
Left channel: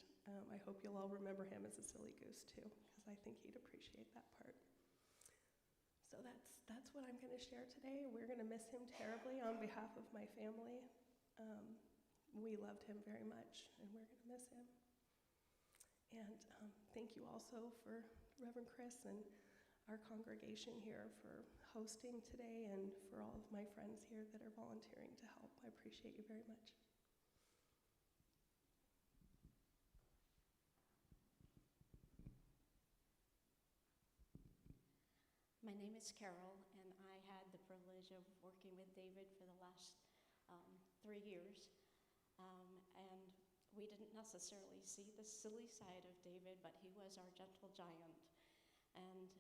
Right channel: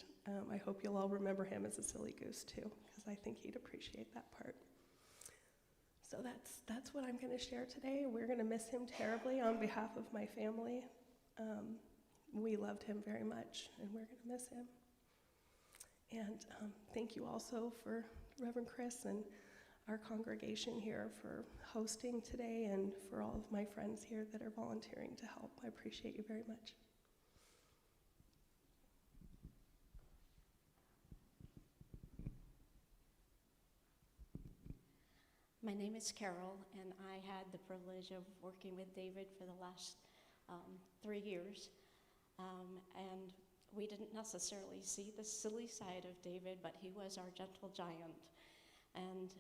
I hope you'll all remember him as a silly goose too, because I think he'd appreciate that part. So that's what I'm going to share today. We're going to miss him terribly on behalf of my family. We loved him very much, and we're going to miss him. And thank you also for Reverend Chris and our congregation here for hosting today, and for all of my friends here that are volunteering to help. I appreciate you very much. My name is Carol, and I had the privilege of working with David for the last 3 years. And we didn't necessarily see the silly side of David, but he was our gentle giant. And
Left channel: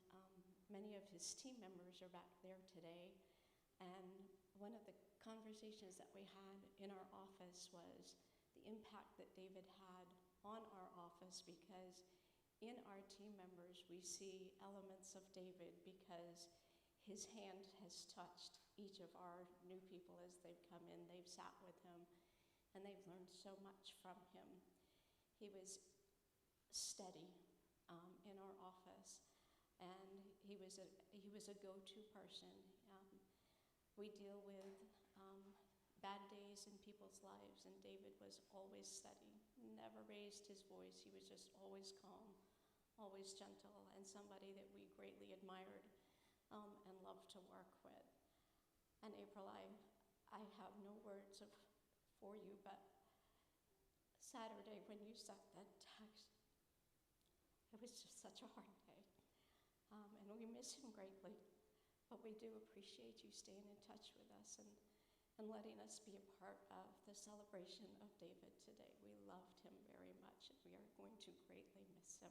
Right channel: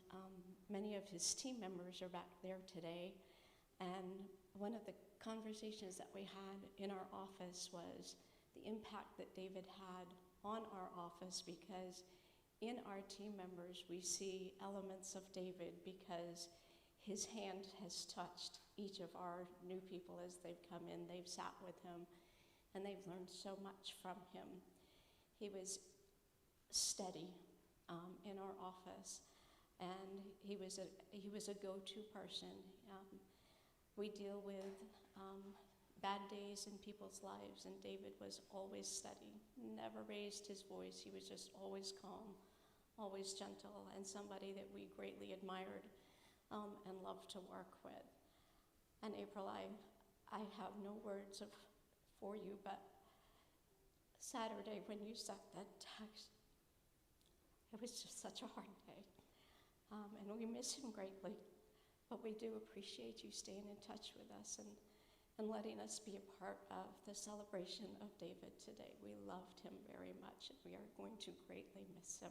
many of his team members are back there today. And one of the conversations that we had in our office was the impact that David had on our office, because in our team members, we see elements of David because his hand has touched each of our new people as they've come in. They've sat with him, and they've learned so much from him. He was steady in our office, and he was a go-to person. We deal with bad days in people's lives, and David was always steady, never raised his voice. He was just always calm, always gentle, and somebody that we greatly admired and loved to work with. And April, I have no words for you, but Saturday when you sent that text, it was just such a hard day. And we miss him greatly, but we do appreciate you staying in touch with us and letting us be a part of the celebration of David today. We loved him very much, and we are going to greatly miss him.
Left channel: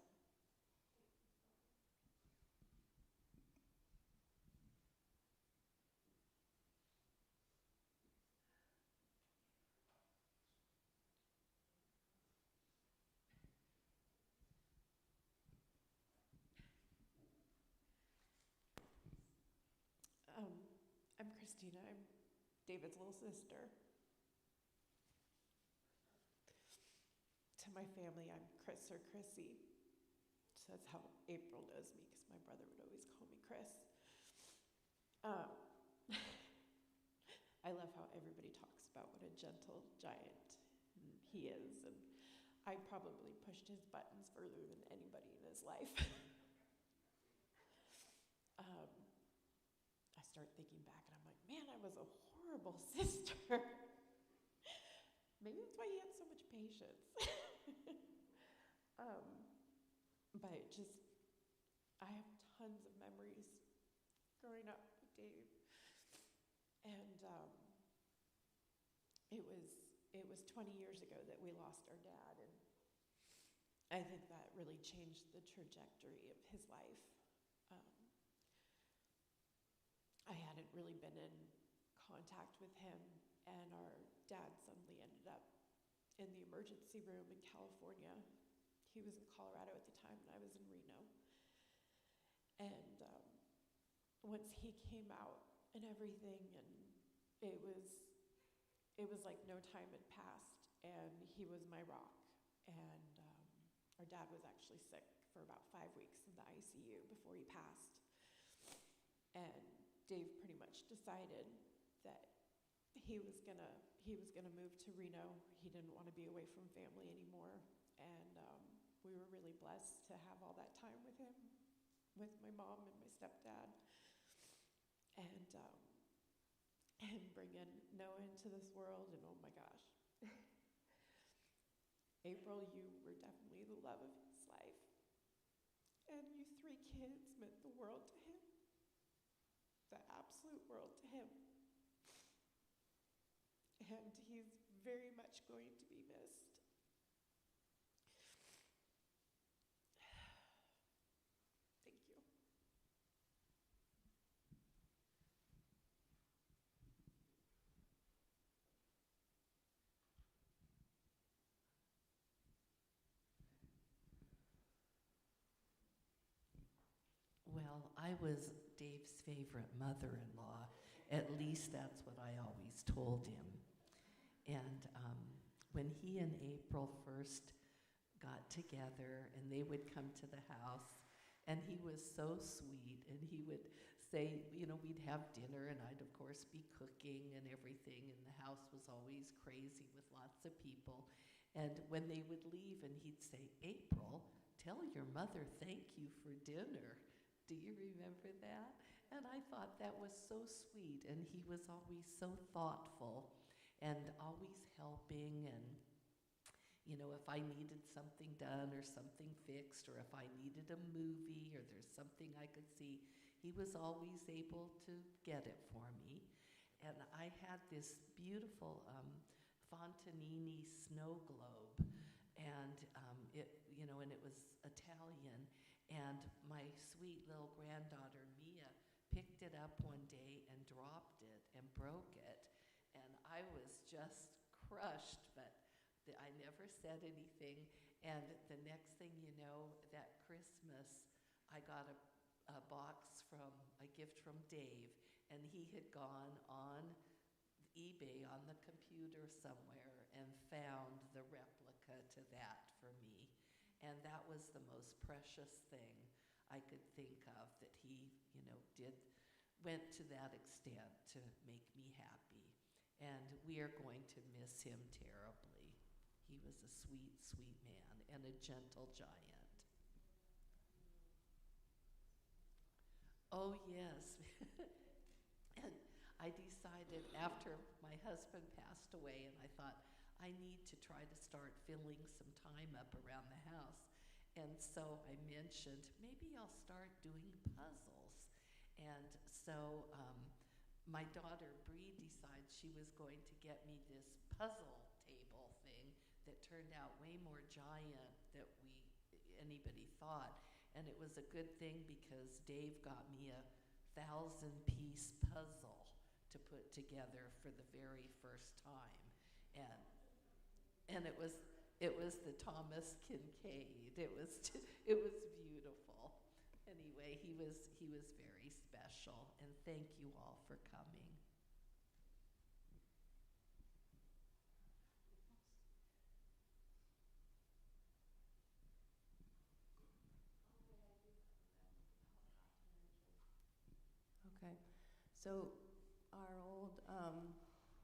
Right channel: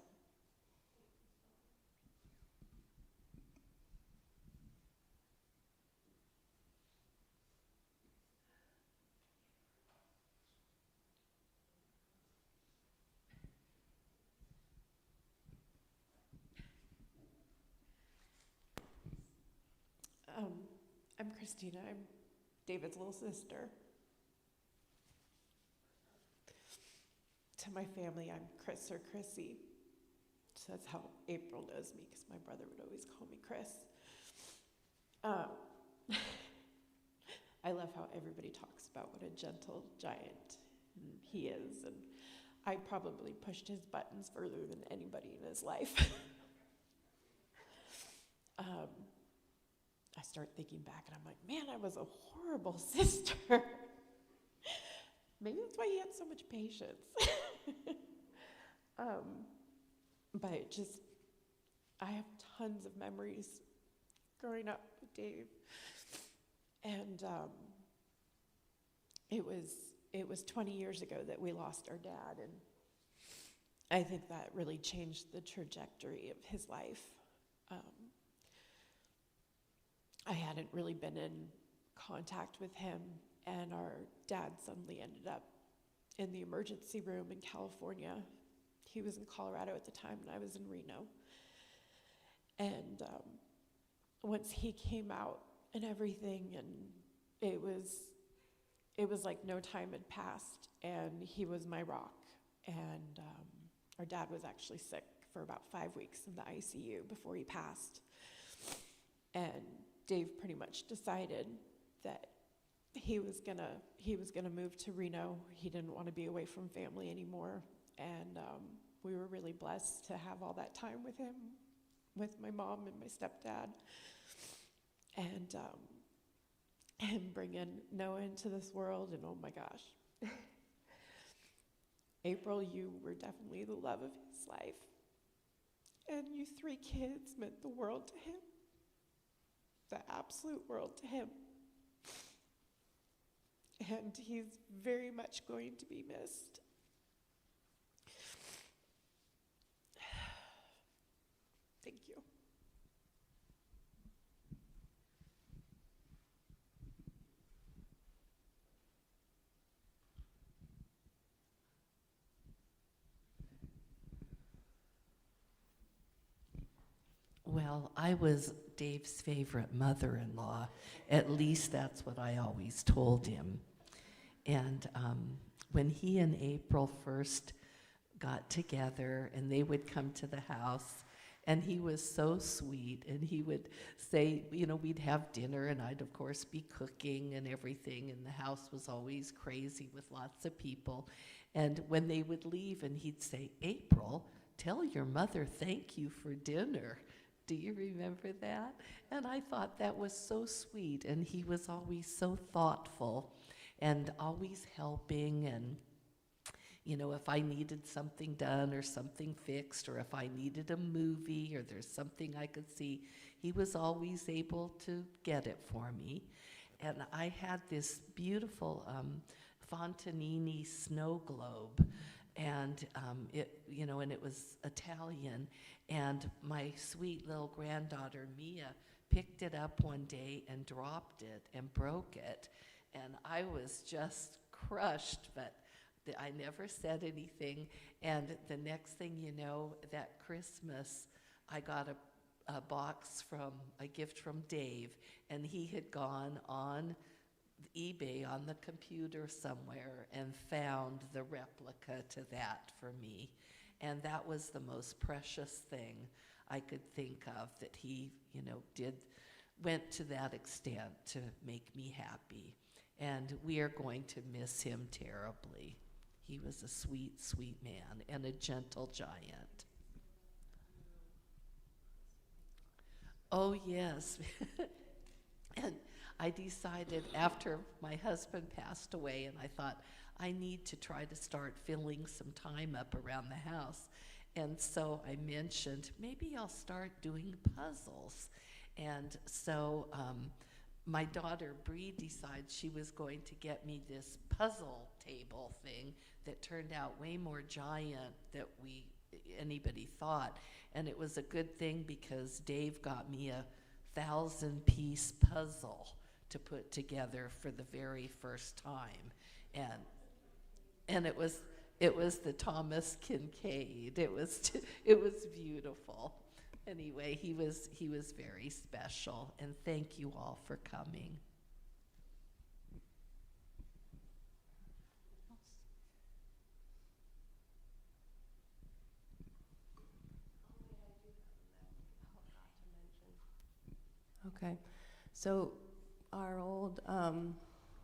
I'm Christina. I'm David's little sister. To my family, I'm Chris or Chrissy. So that's how April knows me, because my brother would always call me Chris. I love how everybody talks about what a gentle giant he is, and I probably pushed his buttons further than anybody in his life. I start thinking back, and I'm like, man, I was a horrible sister. Maybe that's why he had so much patience. But I have tons of memories growing up with Dave. And it was 20 years ago that we lost our dad, and I think that really changed the trajectory of his life. I hadn't really been in contact with him, and our dad suddenly ended up in the emergency room in California. He was in Colorado at the time, and I was in Reno. And once he came out and everything, and it was like no time had passed, and he was my rock. And our dad was actually sick for about 5 weeks in the ICU before he passed. And Dave pretty much decided that he was gonna move to Reno. He didn't want to be away from family anymore, and we were really blessed to have all that time with him, with my mom and my stepdad, and bring in Noah into this world. And oh my gosh, April, you were definitely the love of his life, and you 3 kids meant the world to him. The absolute world to him. And he's very much going to be missed. Thank you. Well, I was Dave's favorite mother-in-law. At least that's what I always told him. And when he and April first got together, and they would come to the house, and he was so sweet, and he would say, you know, we'd have dinner, and I'd, of course, be cooking and everything, and the house was always crazy with lots of people. And when they would leave, and he'd say, April, tell your mother thank you for dinner. Do you remember that? And I thought that was so sweet, and he was always so thoughtful and always helping. And you know, if I needed something done or something fixed, or if I needed a movie or there's something I could see, he was always able to get it for me. And I had this beautiful Fontanini snow globe, and and it was Italian. And my sweet little granddaughter Mia picked it up one day and dropped it and broke it, and I was just crushed, but I never said anything. And the next thing you know, that Christmas, I got a gift from Dave, and he had gone on eBay on the computer somewhere and found the replica to that for me. And that was the most precious thing I could think of, that he, went to that extent to make me happy. And we are going to miss him terribly. He was a sweet, sweet man and a gentle giant. Oh, yes. And I decided after my husband passed away, and I thought, I need to try to start filling some time up around the house. And so I mentioned, maybe I'll start doing puzzles. And so my daughter Bree decided she was going to get me this puzzle table thing that turned out way more giant than anybody thought. And it was a good thing because Dave got me a 1,000-piece puzzle to put together for the very first time. And it was the Thomas Kincaid. It was beautiful. Anyway, he was very special, and thank you all for coming. Okay, so our old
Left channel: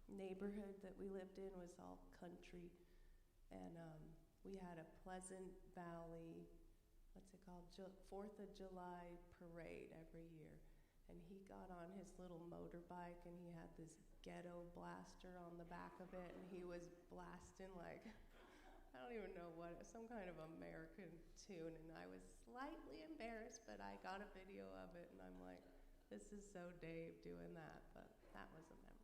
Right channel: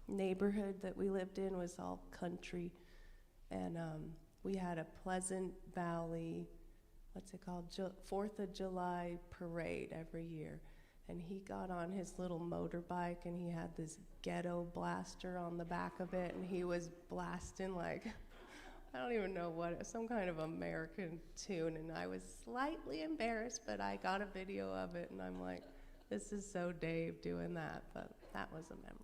neighborhood that we lived in was all country, and we had a Pleasant Valley, what's it called, 4th of July parade every year. And he got on his little motorbike, and he had this ghetto blaster on the back of it, and he was blasting like, I don't even know what, some kind of American tune, and I was slightly embarrassed, but I got a video of it, and I'm like, this is so Dave doing that, but that was a memory.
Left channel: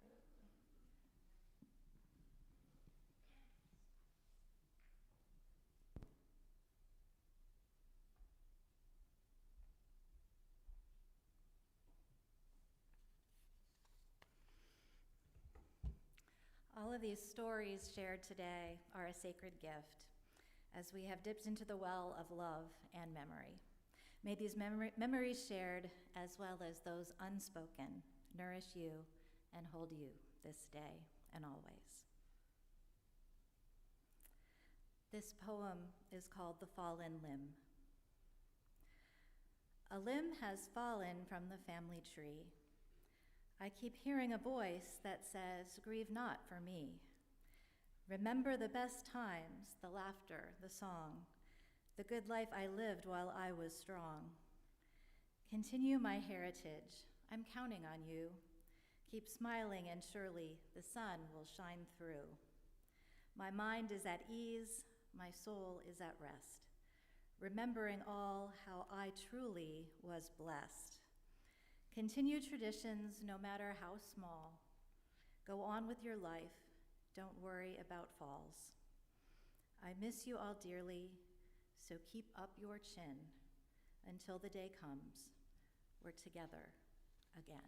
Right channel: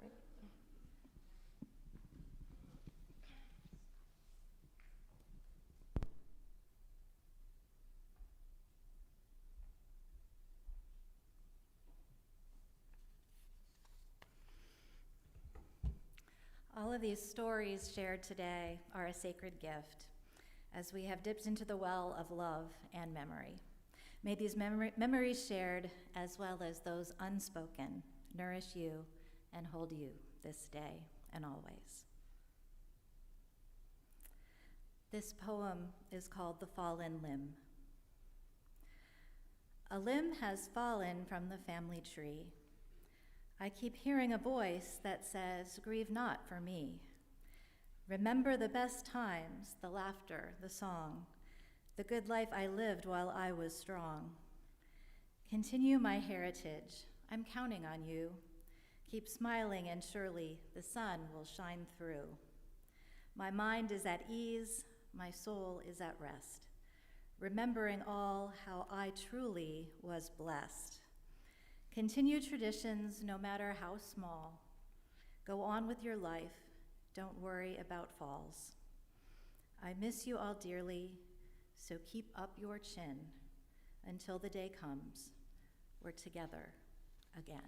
All of these stories shared today are a sacred gift, as we have dipped into the well of love and memory. May these memories shared, as well as those unspoken, nourish you and hold you this day and always. This poem is called The Fallen Limb. A limb has fallen from the family tree. I keep hearing a voice that says, grieve not for me. Remember the best times, the laughter, the song, the good life I lived while I was strong. Continue my heritage. I'm counting on you. Keep smiling, and surely the sun will shine through. My mind is at ease, my soul is at rest, remembering all how I truly was blessed. Continue traditions, no matter how small. Go on with your life. Don't worry about falls. I miss you all dearly, so keep up your chin until the day comes we're together again.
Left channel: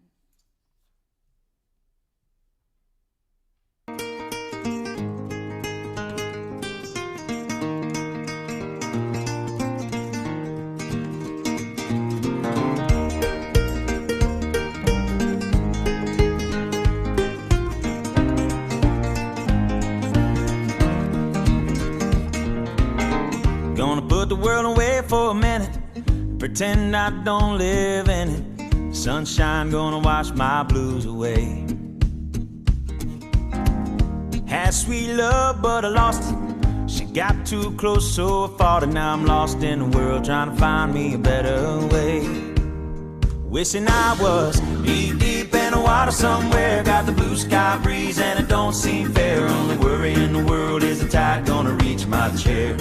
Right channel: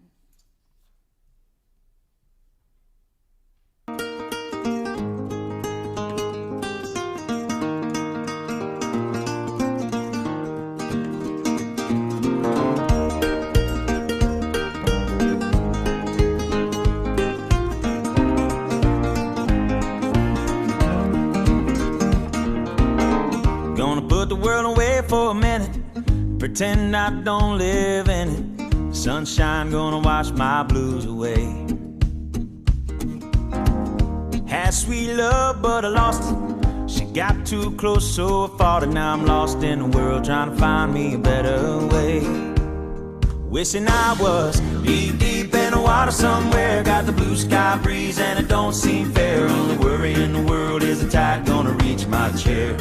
for a minute, pretend I don't live in it. Sunshine gonna wash my blues away. Had sweet love, but I lost it. She got too close, so I fought it. Now I'm lost in the world, trying to find me a better way. Wishing I was deep in the water somewhere. Got the blue sky breeze and it don't seem fair. Only worry in the world is the tide gonna reach my chair.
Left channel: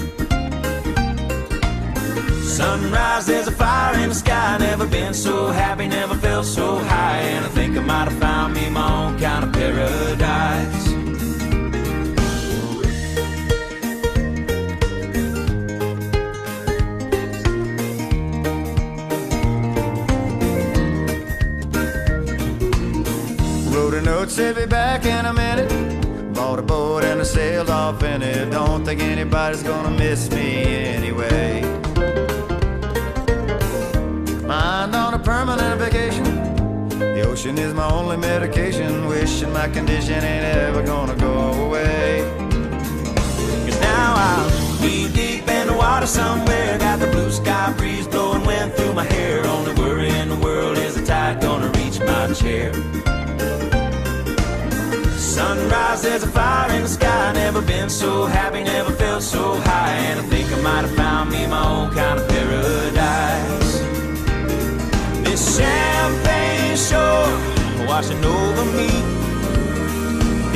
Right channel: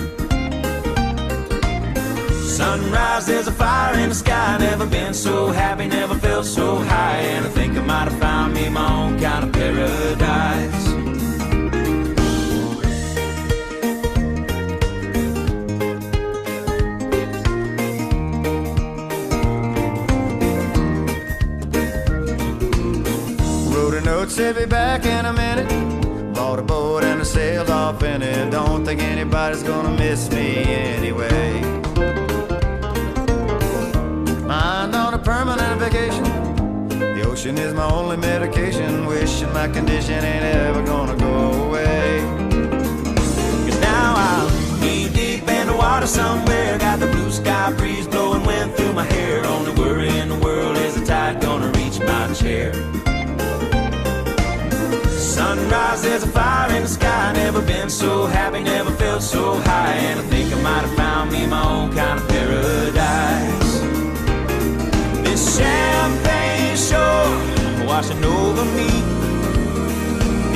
Sunrise, there's a fire in the sky. Never been so happy, never felt so high. And I think I might have found me my own kind of paradise. Wrote a note, said be back in a minute. Bought a boat and I sailed off in it. Don't think anybody's gonna miss me anyway. Mind on a permanent vacation. The ocean is my only medication. Wishing my condition ain't ever gonna go away. 'Cause now I'm deep in the water somewhere. Got the blue sky breeze blowing wind through my hair. Only worry in the world is the tide gonna reach my chair. Sunrise, there's a fire in the sky. Never been so happy, never felt so high. And I think I might have found me my own kind of paradise. This champagne shore washing over me.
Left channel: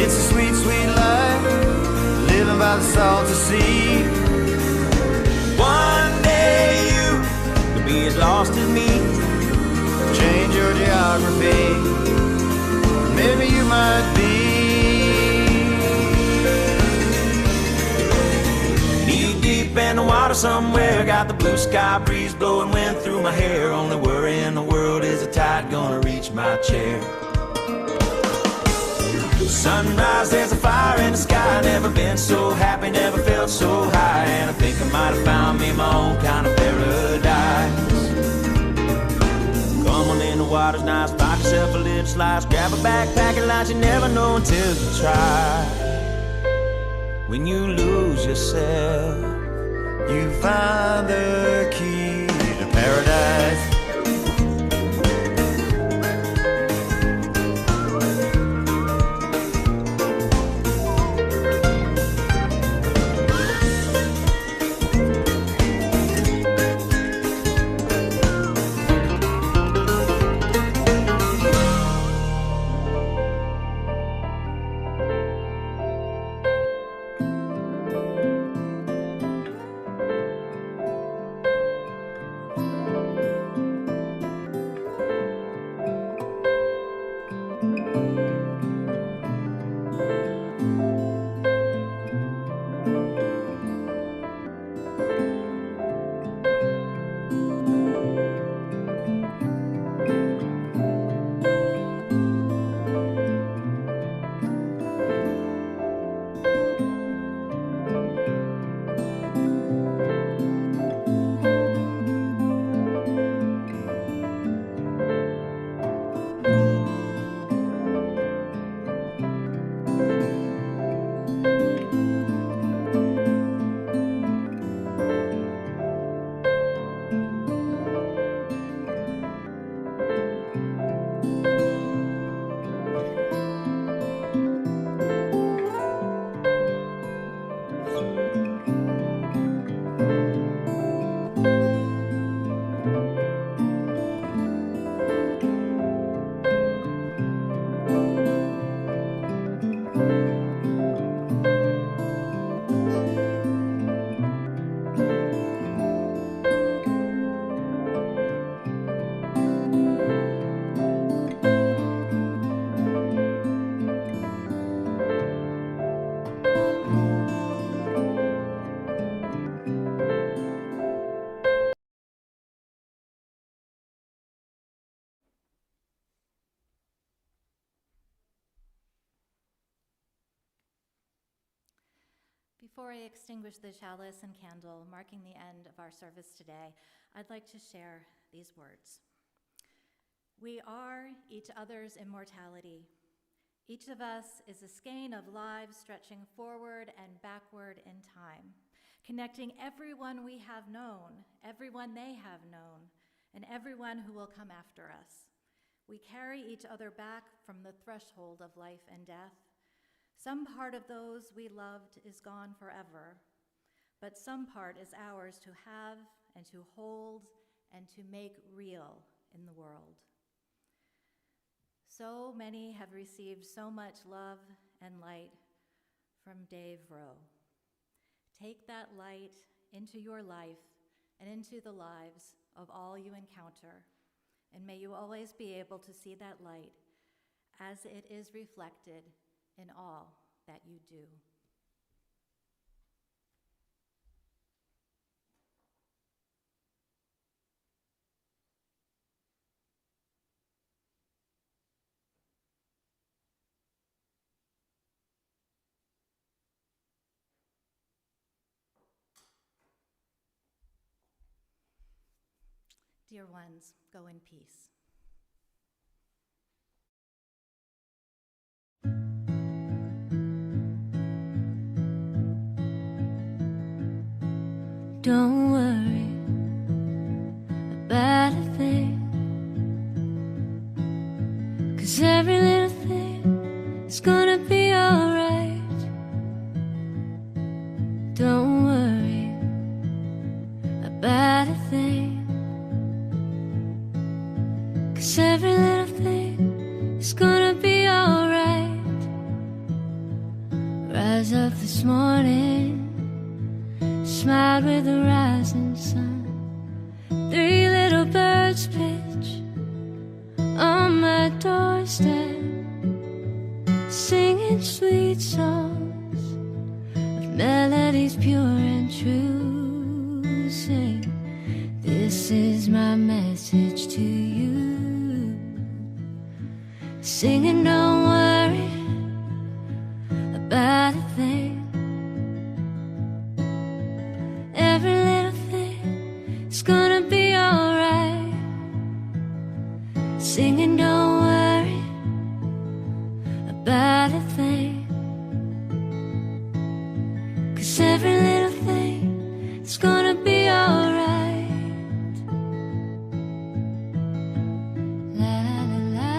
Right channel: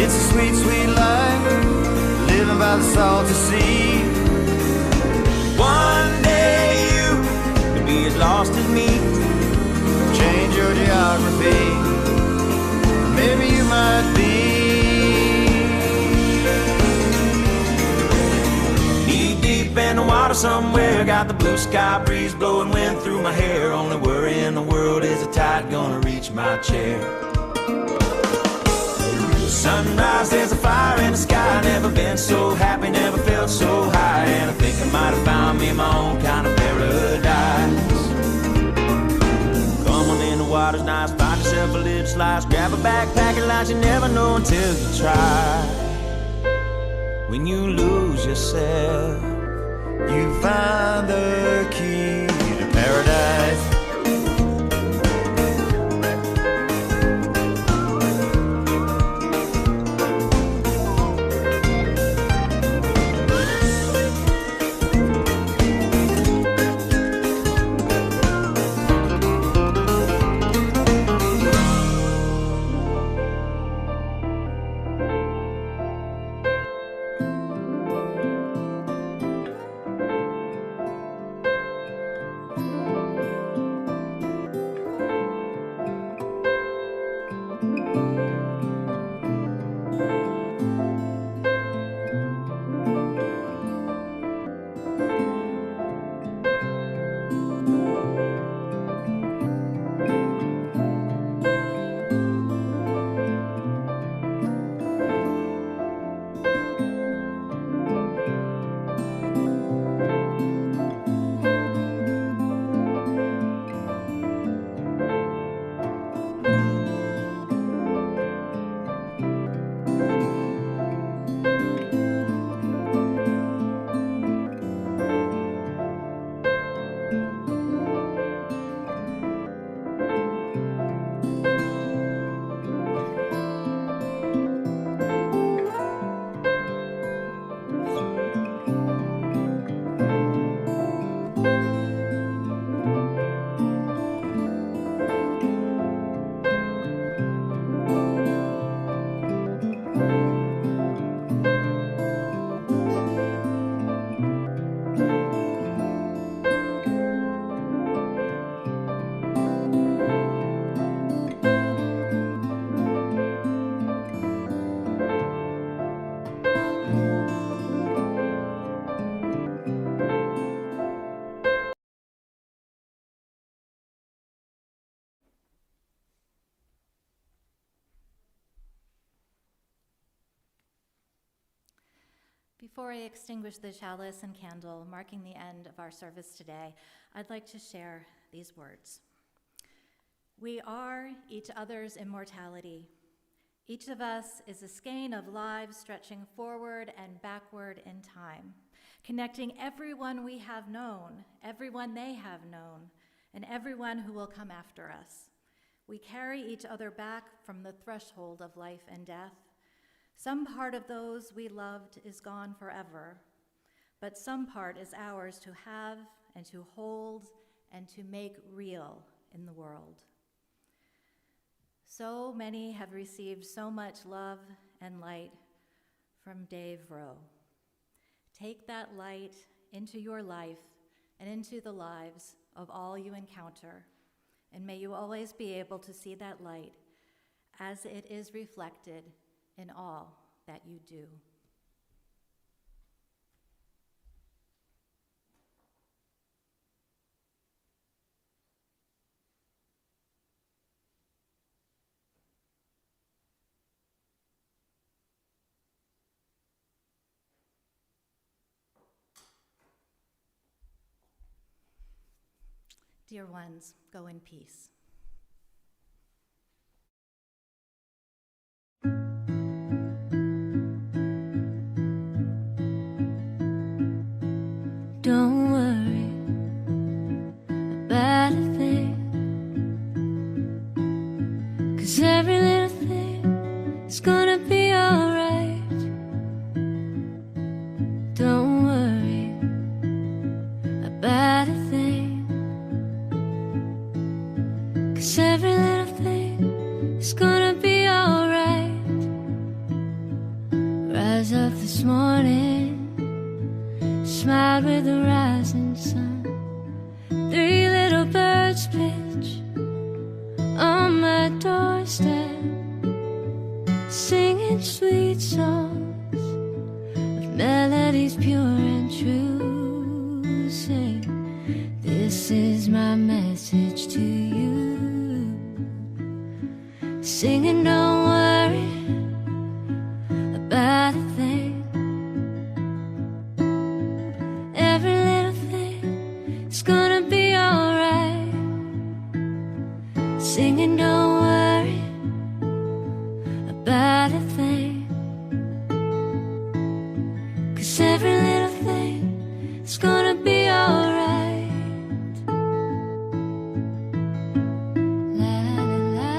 It's a sweet, sweet life, living by the salty sea. One day you could be as lost as me. Change your geography, maybe you might be. Knee deep in the water somewhere. Got the blue sky breeze blowing wind through my hair. Only worry in the world is the tide gonna reach my chair. Sunrise, there's a fire in the sky. Never been so happy, never felt so high. And I think I might have found me my own kind of paradise. Come on in, the water's nice. Find yourself a little slice. Grab a backpack and lunch. You never know until you try. When you lose yourself, You find the key to paradise. Before I extinguish the chalice and candle, marking the end of our service today, I'd like to share these words. We are each other's immortality. Each of us is a skein of lives stretching forward and backward in time, connecting everyone we have known, everyone they have known, and everyone who will come after us. We carry each other back from the threshold of life and death. Some part of those we loved is gone forever, but some part is ours to have and to hold and to make real in the world. So many have received so much love and light from Dave Rowe. Take that light into your life and into the lives of all you encounter, and may you always be able to see that light as it is reflected in all that you do. Dear ones, go in peace. Don't worry about a thing, 'cause every little thing is gonna be alright. Don't worry about a thing, 'cause every little thing is gonna be alright. Rise up this morning, smiled with the rising sun. 3 little birds pitch on my doorstep, singing sweet songs of melodies pure and true. Sing, this is my message to you. Singing, don't worry about a thing. Every little thing is gonna be alright. Singing, don't worry about a thing, 'cause every little thing is gonna be alright. La la la.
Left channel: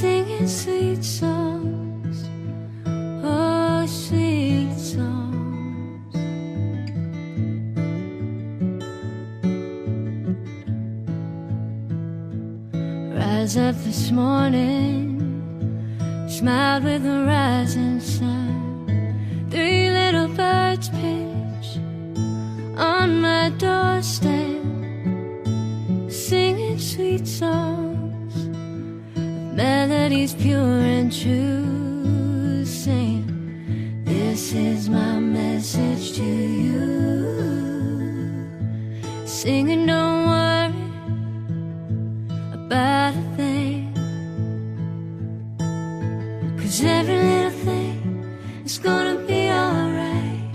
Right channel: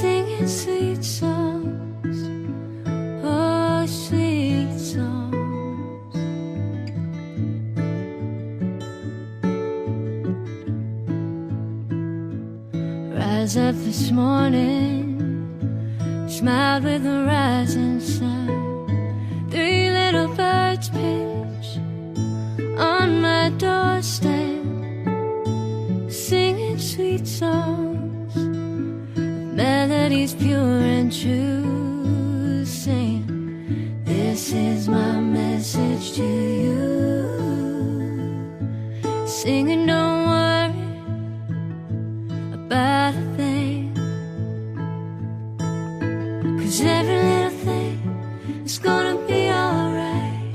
Singing sweet songs, oh sweet songs. Rise up this morning, smiled with the rising sun. 3 little birds pitch on my doorstep, singing sweet songs, melodies pure and true. Sing, this is my message to you. Singing, don't worry about a thing, 'cause every little thing is gonna be alright.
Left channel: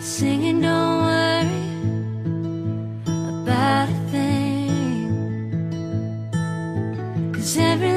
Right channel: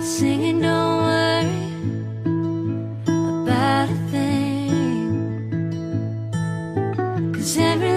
Singing, don't worry about a thing, 'cause every